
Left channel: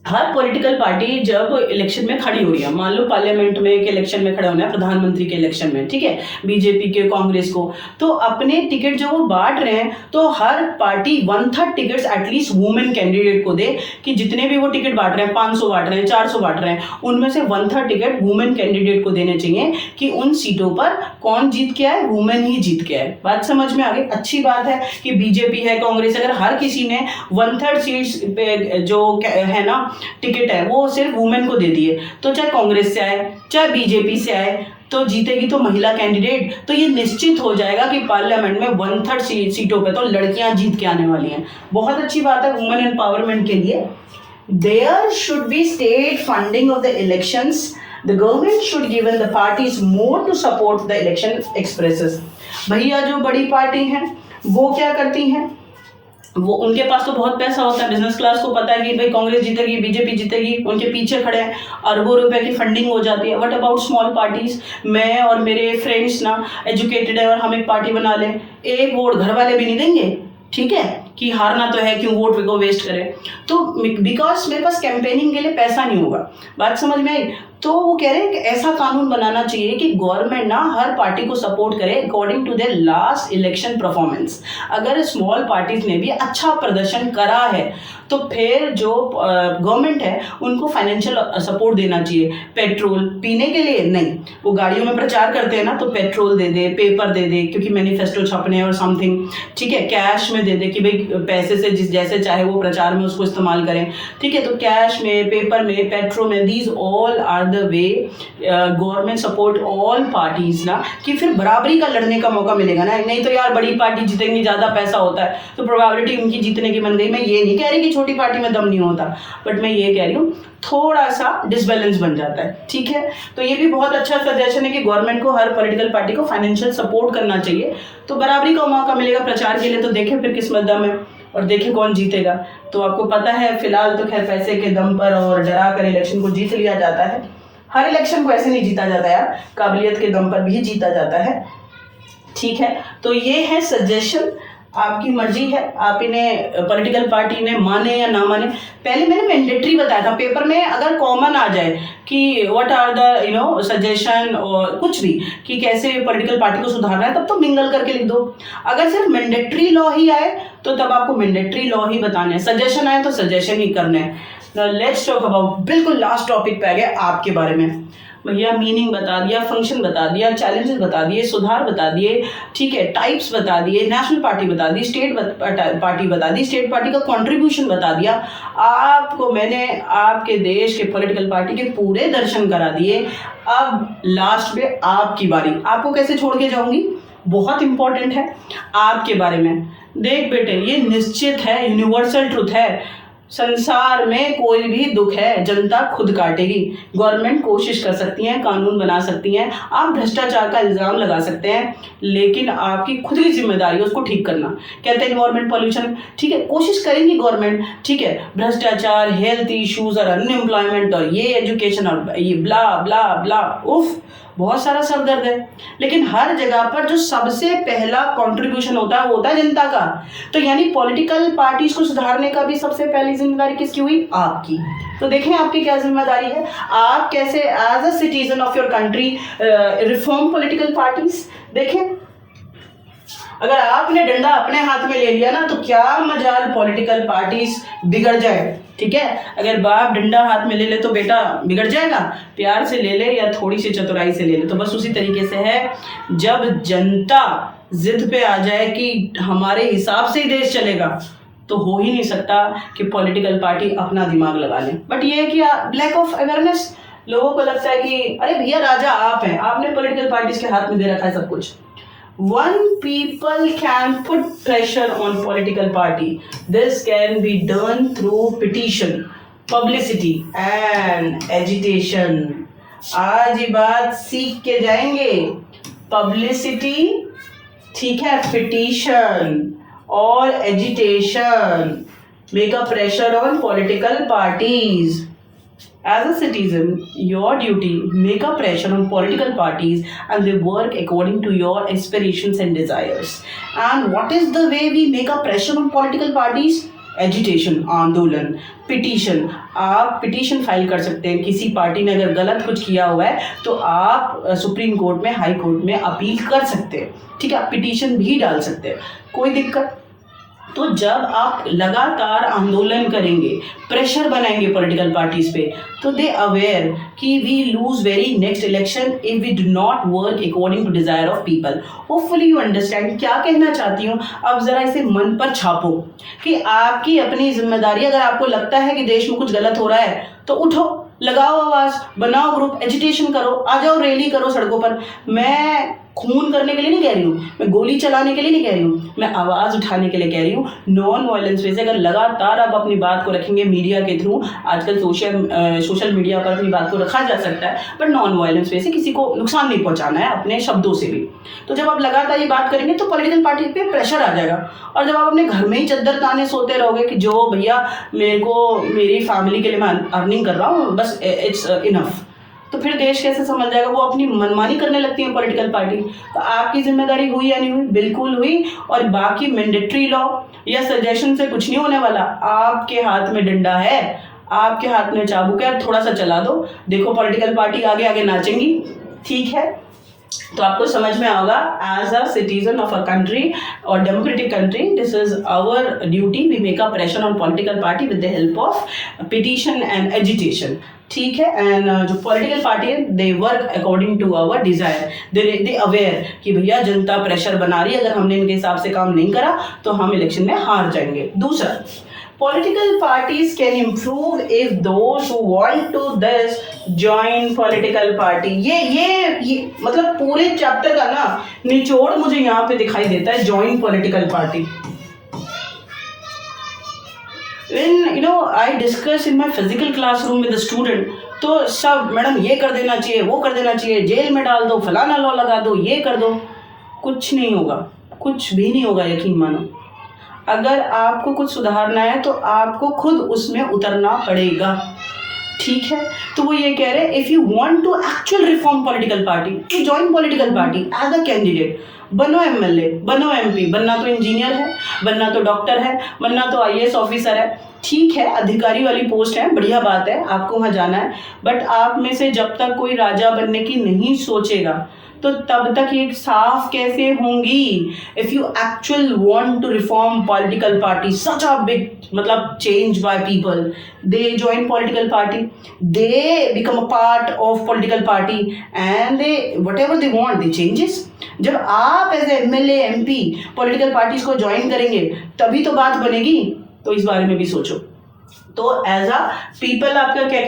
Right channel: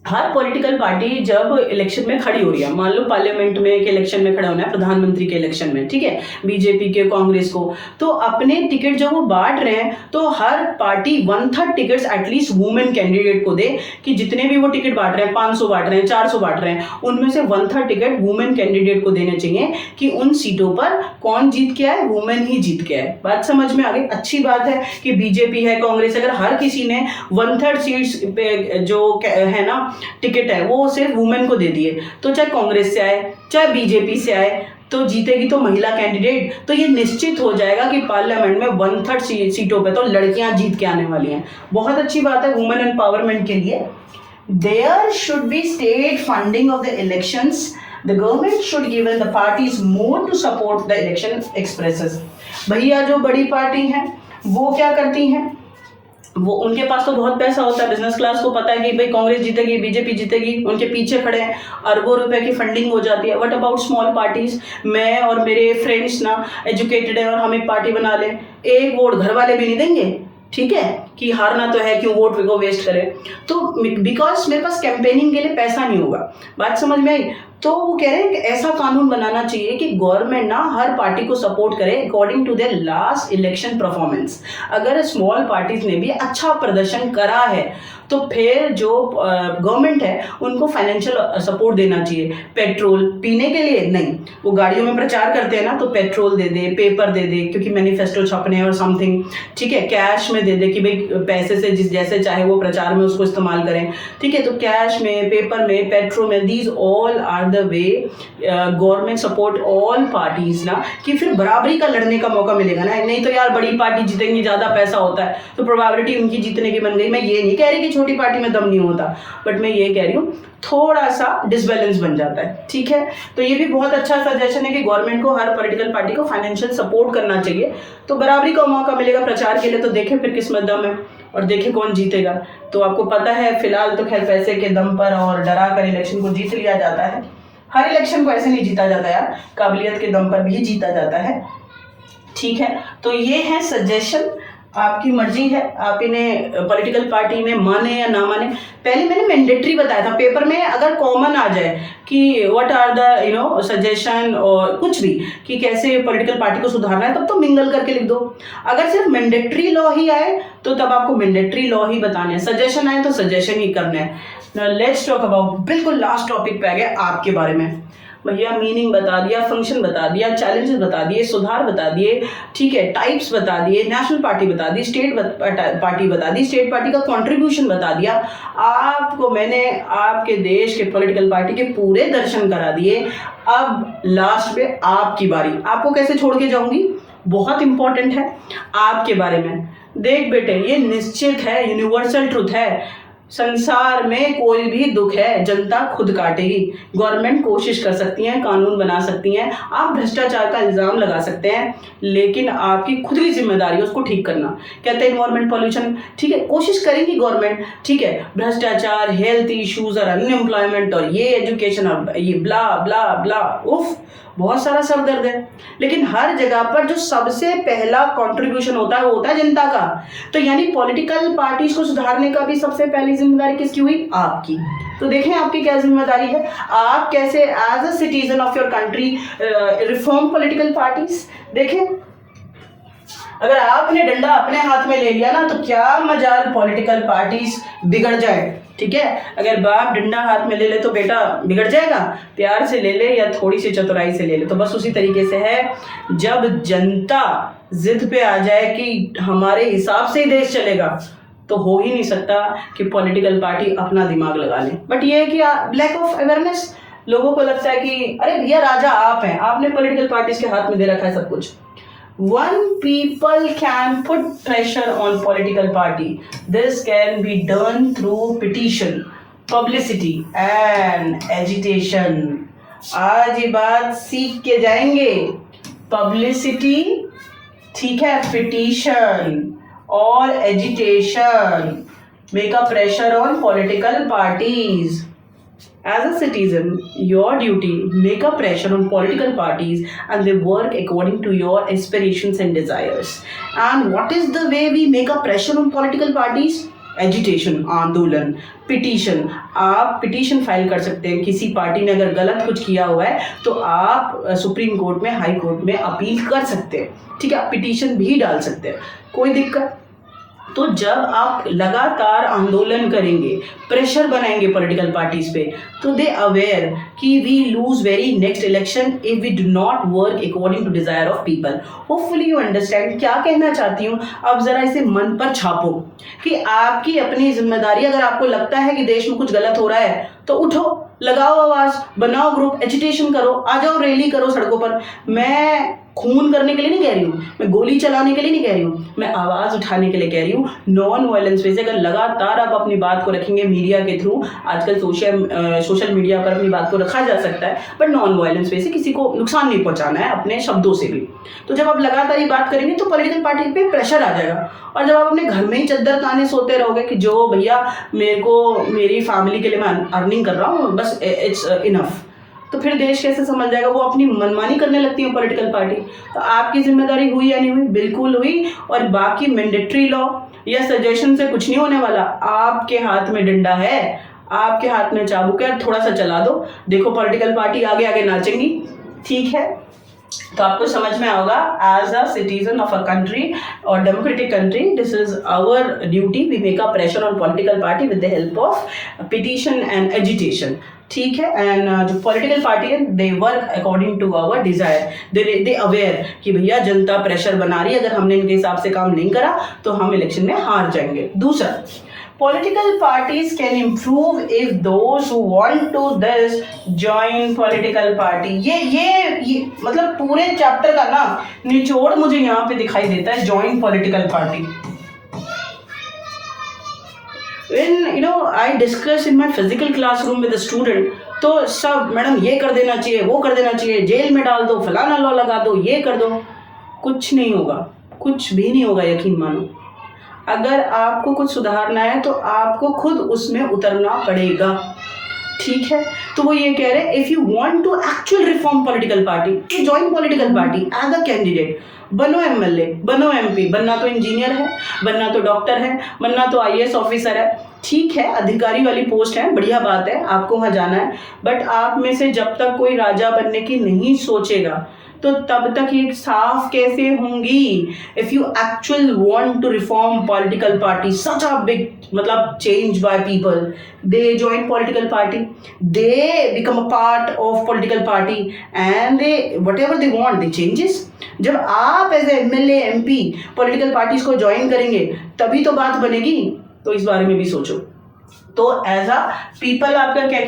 हर पॉलिटिकल पार्टी जब इलेक्शन में खड़ी हो रही है, मान लो पार्लियामेंट में के इलेक्शन में खड़े होना है, प्रधानमंत्री के इलेक्शन में, ठीक है, बीजेपी के, कांग्रेस को, तो अपने टिकट जो वो बांट रहे हैं तो हर party 1/3 tickets at least women candidate को दे कि जितने भी वो टिकट बांट रहे हैं, 500 बांट रहे हैं, 400 बांट रहे हैं, उनमें से 1/3 टिकट वुमेन कैंडिडेट को देने चाहिए कि उन सीटों पर कौन जीत के आए, वुमेन ही जीत के आए. बात समझ में आ गई. अच्छी बात है कि बीजेपी है, कांग्रेस, अगर हर किसी ने 1/3 सीट्स पे जो है ना टिकट है वो सिर्फ वुमेन को दे दिए, तो चाहे कांग्रेस से आए चाहे बीजेपी से आए तो जीतेगी तो महिला कैंडिडेट. तो ये निश्चित हो जाएगा कि पार्लियामेंट में 1/3 सीटों पे तो लड़कियां जीत के आने वाली हैं. बहुत अच्छी बात है वुमेन एम्पावरमेंट के लिए. There should be state funding of the elections the government should given the parties more to support the election expresses. भैया जो बड़ी पार्टी हैं वो क्या करती हैं, वो उनके पास तो बहुत पैसा होता है, बिजनेस क्लास को पता है कि भाई कांग्रेस जीतेगी, बीजेपी जीतेगी, उनके पीछे खड़े हैं, अरबों रुपए की फंडिंग हो जाती है। What about small parties? मैं और मेरे फ्रेंड्स ना एजुकेटेड है और हम एक पार्टी बना लें, एक वोट घर वाले भी नहीं देंगे, ठीक है, कि हारना तो है, क्यों वोट को वेस्ट करें। तो बिकॉज मेरे पास कैंपेनिंग के लिए पैसा नहीं होगा। बात समझ में आई? तो वो कह रहे हैं कि ऐसा कानून बनाना चाहिए कि गवर्नमेंट ना हर पार्टी को सपोर्ट करे according to their last election performance. अगर स्मॉल पार्टीज ने भी अच्छा प्रदर्शन करा है तो फिर जो गवर्नमेंट है उनको फाइनेंशियल सपोर्ट देना चाहिए। पेट्रोल पीने के लिए नहीं, वो गाड़ियों में प्रचार करते हैं ना, तो पेट्रोल दे दे, पेपर दे दे, क्योंकि मैनिफेस्टो छपने और समथिंग, ठीक है, कैश में दे दे कि भाई पैसे से जिस जैसे चाहे वो प्रचार में उसको इस्तेमाल करें, ठीक है। तो कैश में, पेपर में, पेट्रोल में, these all are the way government support all parties ना, कि फिर बराबरी का लड़ने का मौका मिलेगा ना। नहीं तो यार बड़ी पार्टी जीतेंगी, ज़्यादा पैसा होता है तो प्रोबेबिलिटी उनकी जीतने की बन गई। मैं ये नहीं कह रही कि छोटी पार्टी में दम नहीं होता, बट मैं ये कह रही हूँ थोड़ा सा डिसबैलेंस बन जाता है, ठीक है। तो ये भी बहुत अच्छा सजेशन है कि गवर्नमेंट को हर पॉलिटिकल पार्टी को फाइनेंशियल सपोर्ट करना चाहिए, तो बराबरी का मौका मिलेगा प्रचार के लिए। तो देखें फिर किस्मत दम है और देखें कौन जीतेगा। तो आपको पता है फिलहाल तो खैर पैसे के दम पर और डरा कर इलेक्शन को जीत लिया जाता है। हर इलेक्शन को ऐसे नहीं जीता जाता यार, काबिलियत के दम पर भी जीता जाता है, ठीक है। तो ये है सजेशन, आपकी मर्जी है, आप इन्हें पॉलिटिकल पार्टी ने माने या ना माने। पहले मैंने मैंडेटरी बताया था, पेपर में अगर कॉमन आ जाए कि व्हाट आर द सजेशन और कुछ भी कि कैसे पॉलिटिकल पार्टी को सुधारना है, तब तो मिंगल करके लिख दो। अगर सिर्फ मैंडेटरी लॉ ही आए तो तब आपको मैंडेटरी लॉ ही बताने हैं, सजेशन आए तो सजेशन ही करने हैं। लेट्स टॉक अबाउट, बिल्कुल लास्ट टॉपिक पे आ गए आपके बारे में। भैया मीनिंग बता दिया, फंक्शन बता दिया, चैलेंजेस बता दिए, सुधार बता दिए, ठीक है, टाइप्स बता दिए, नेशनल पार्टी बता दी, स्टेट पार्टी बता दी, स्टेट पार्टी का कंट्रीब्यूशन बता दिया। आपको मैंने आपके देश के पॉलिटिकल पार्टी के पूरे दर्शन करा दिए। अब लास्ट में आपकी बारी, आपको कैसे छोड़ के जाऊंगी, बहुत इंपॉर्टेंट है आपके बारे में। देख बेटे, ये निश्चित है, यूनिवर्सल ट्रुथ है, संसार में कोई भी दुख है जनता खुद काटेगी। गवर्नमेंट कोशिश कर सकती है, कानून बना सकती हैं, आप भ्रष्टाचार का इल्ज़ाम लगा सकते हैं, लेकिन आपकी खुद की जिम्मेदारी है उसको ठीक करना। कहते हैं इन्वायरमेंट पॉल्यूशन, ठीक है, कोशिश करेंगी गवर्नमेंट, ठीक है, भ्रष्टाचार, हेल्थ इश्यूज और अनएम्प्लॉयमेंट और ये एजुकेशन और ये ब्ला ब्ला ब्ला, उफ बहुत सारा सर दर्द है। लेकिन हर जगह पर जो सबसे पहला कंट्रीब्यूशन होता है वो होता है जनता का। तो यानी पॉलिटिकल पार्टीज को सुधारने का भी सबसे पहली जिम्मेदारी किसकी हुई, आपकी। तो देखें आपकी क्या जिम्मेदारी है, आप कैसे as a citizen of your country reform political parties. देखें अगर आपने डंडा अपने हाथ में ले लिया ना तो क्या मजाल पॉलिटिकल पार्टीज बिगड़ जाए, ठीक है। अगर बाप डंडा हाथ में ले ले तो बेटा बिगड़ जाएगा, प्यार से ले ले या थोड़ी सी चतुराई से ले ले। तो बस उसी तरीके से है, जब जनता जिद पे आ जाए कि हमारे हिसाब से ही देश चलेगा तो हो ही नहीं सकता कि पॉलिटिकल पार्टी अपना दिमाग लगा ले। बट ये है कि लैक ऑफ अवेयरनेस, लोगों को लगता है कि अरे भैया राजा आप हैं, आपने पॉलिटिकल पार्टीज के हाथ में दे रखा है सब कुछ। One people can put pressure on political party. This can be done through petition, publicity and agitation. आज ये बात सीख के जाएंगे, पब्लिसिटी, ठीक है, पिटीशन और agitation, make a pressure on political parties. As a citizen, your duty make a pressure on political parties and they work according to your aspirations and desires. And what is the way we make a pressure on political parties? Agitation, आंदोलन, petition. आप petition file कर सकते हैं, किसी party ने अगर गलत कुछ किया हुआ है तो आप सुप्रीम कोर्ट में, हाई कोर्ट में अपील कर सकते हैं, ठीक है, आप पिटीशन भी डाल सकते हैं, कोई दिक्कत। तो जब आप लगातार आंदोलन करेंगे, प्रेशर बनाएंगे पॉलिटिकल पार्टीज पे, तो दे अवेयर कि we lose very next election if we do not work according to desire of people. Hopefully you understand क्या कहना चाहती हूँ। अब जरा इसे मन पर छापो कि आपकी अपनी जिम्मेदारी, अगर आपको लगता है कि देश में कुछ गलत हो रहा है तो उठो, लगाओ आवाज, बनाओ ग्रुप, एजिटेशन करो, आ जाओ, रैली करो सड़कों पर। मैं खून करने के लिए नहीं कह रही हूँ, मैं गोली चलाने के लिए नहीं कह रही हूँ, मैं आवाज़ उठाने के लिए कह रही हूँ। नॉन वायलेंस वे से अगर लगातार आप अपनी बात को रखेंगे मीडिया के थ्रू, आजकल सोशल मीडिया पर अपनी बात को रखा जा सकता है, बट नॉन वायलेंस वे से किसी को नुकसान नहीं पहुँचाना है अपने शब्दों से भी। तो जब आप लगातार ये बात करेंगे तो पॉलिटिकल पार्टी पे प्रेशर आ जाएगा। और जब आप अपने घर में ही चद्दर ताने सोते रहोगे कि जो भैया मेरे को मेरी फैमिली के लिए मैं अर्निंग कर रहा हूँ, बस इट्स इनफ, तो फिर देश कैसे संभल जाएगा। वो अपनी मनमानी करने लगती है पॉलिटिकल पार्टी। तो आपकी जिम्मेदारी हुई या नहीं हुई? बिल्कुल हुई। और बाकी मैंडेटरी लॉ या सजेशन से कुछ नहीं होने वाला। आपके हाथ में डंडा है, आपके हाथ में चाबुक है, थोड़ा सा चला दो, देखो पॉलिटिकल पार्टी आगे आगे नाचेंगी। ठीक है, तो आपको समझ में आएगा as a citizen of a country और democratic country, this is our duty, we make a pressure on political party with the help of petition and agitation. ठीक है, एंड जो पॉलिटिकल पार्टी है they work according to our desire, they aware कि भैया जनता pressure बना रही है, अगर हमने इनके हिसाब से काम नहीं करा तो हम इलेक्शन में हार जाएंगे। दूसरा, political parties can improve if those who want to this join political party। ये मतलब पूरे चैप्टर का ना निचोड़ मुझे यहाँ पे दिखाई देता है, join political party। When I discuss in my physical classroom with the student, तो सब मैडम ये कर देना चाहिए, वो कर देना चाहिए, जेल में डाल दो, फलाना लॉ लगा दो, ये कर दो। कुछ नहीं होगा, कुछ भी नहीं होगा, यकीन मानो। अगर आपको कुछ सुधारना है तो आपको खुद उसमें उतरना पड़ेगा। ठीक है, तो वो ये कह रहे हैं if you want to actual reform political party, join political party as a candidate, बनो एमएलए, बनो एमपी, बनना तो इंजीनियर है, बनना तो डॉक्टर है, बनना तो आईएएस ऑफिसर है। ठीक है, अधिकारी वाली पोस्ट है, बढ़िया बात है, आपको वहाँ जाना है। बट आप में से जब तक कोई राजा बनने की नहीं सोचेगा तो तब तक ये साफ कैसे होंगी। If you actual want to reform political party, such a big मतलब change by people, they join political party, they become a part of political party and they whatever they want they changes. जब आप as MLA MP political parties को join करेंगे तभी तो बात बनेगी। तो इस बारे में भी सोचो। तो एज अ पीपल आपका क्या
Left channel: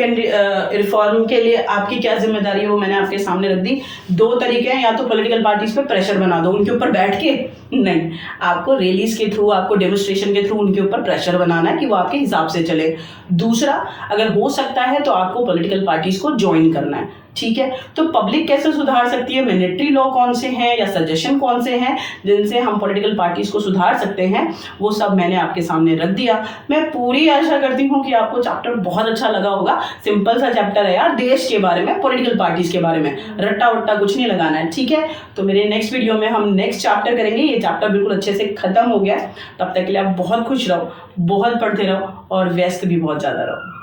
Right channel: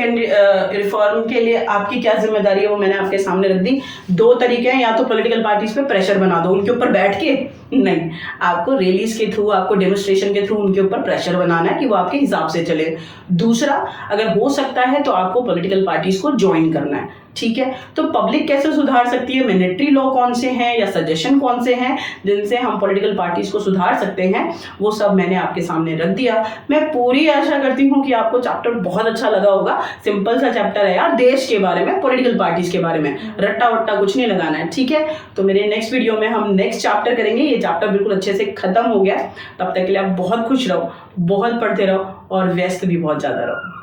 रिफॉर्म के लिए आपकी क्या जिम्मेदारी है वो मैंने आपके सामने रख दी। दो तरीके हैं, या तो पॉलिटिकल पार्टीज पे प्रेशर बना दो, उनके ऊपर बैठ के नहीं, आपको रैलीज के थ्रू, आपको डेमोन्स्ट्रेशन के थ्रू उनके ऊपर प्रेशर बनाना है कि वो आपके हिसाब से चले। दूसरा, अगर हो सकता है तो आपको पॉलिटिकल पार्टीज को ज्वाइन करना है। ठीक है, तो पब्लिक कैसे सुधार सकती है, मैंडेटरी लॉ कौन से हैं या सजेशन कौन से हैं जिनसे हम पॉलिटिकल पार्टीज को सुधार सकते हैं, वो सब मैंने आपके सामने रख दिया। मैं पूरी आशा करती हूँ कि आपको चैप्टर बहुत अच्छा लगा होगा। सिंपल सा चैप्टर है यार, देश के बारे में, पॉलिटिकल पार्टीज के बारे में, रट्टा वट्टा कुछ नहीं लगाना है। ठीक है, तो मेरे नेक्स्ट वीडियो में हम नेक्स्ट चैप्टर करेंगे। ये चैप्टर बिल्कुल अच्छे से खत्म हो गया। तब तक के लिए आप बहुत खुश रहो, बहुत पढ़ते रहो और व्यस्त भी बहुत ज़्यादा रहो।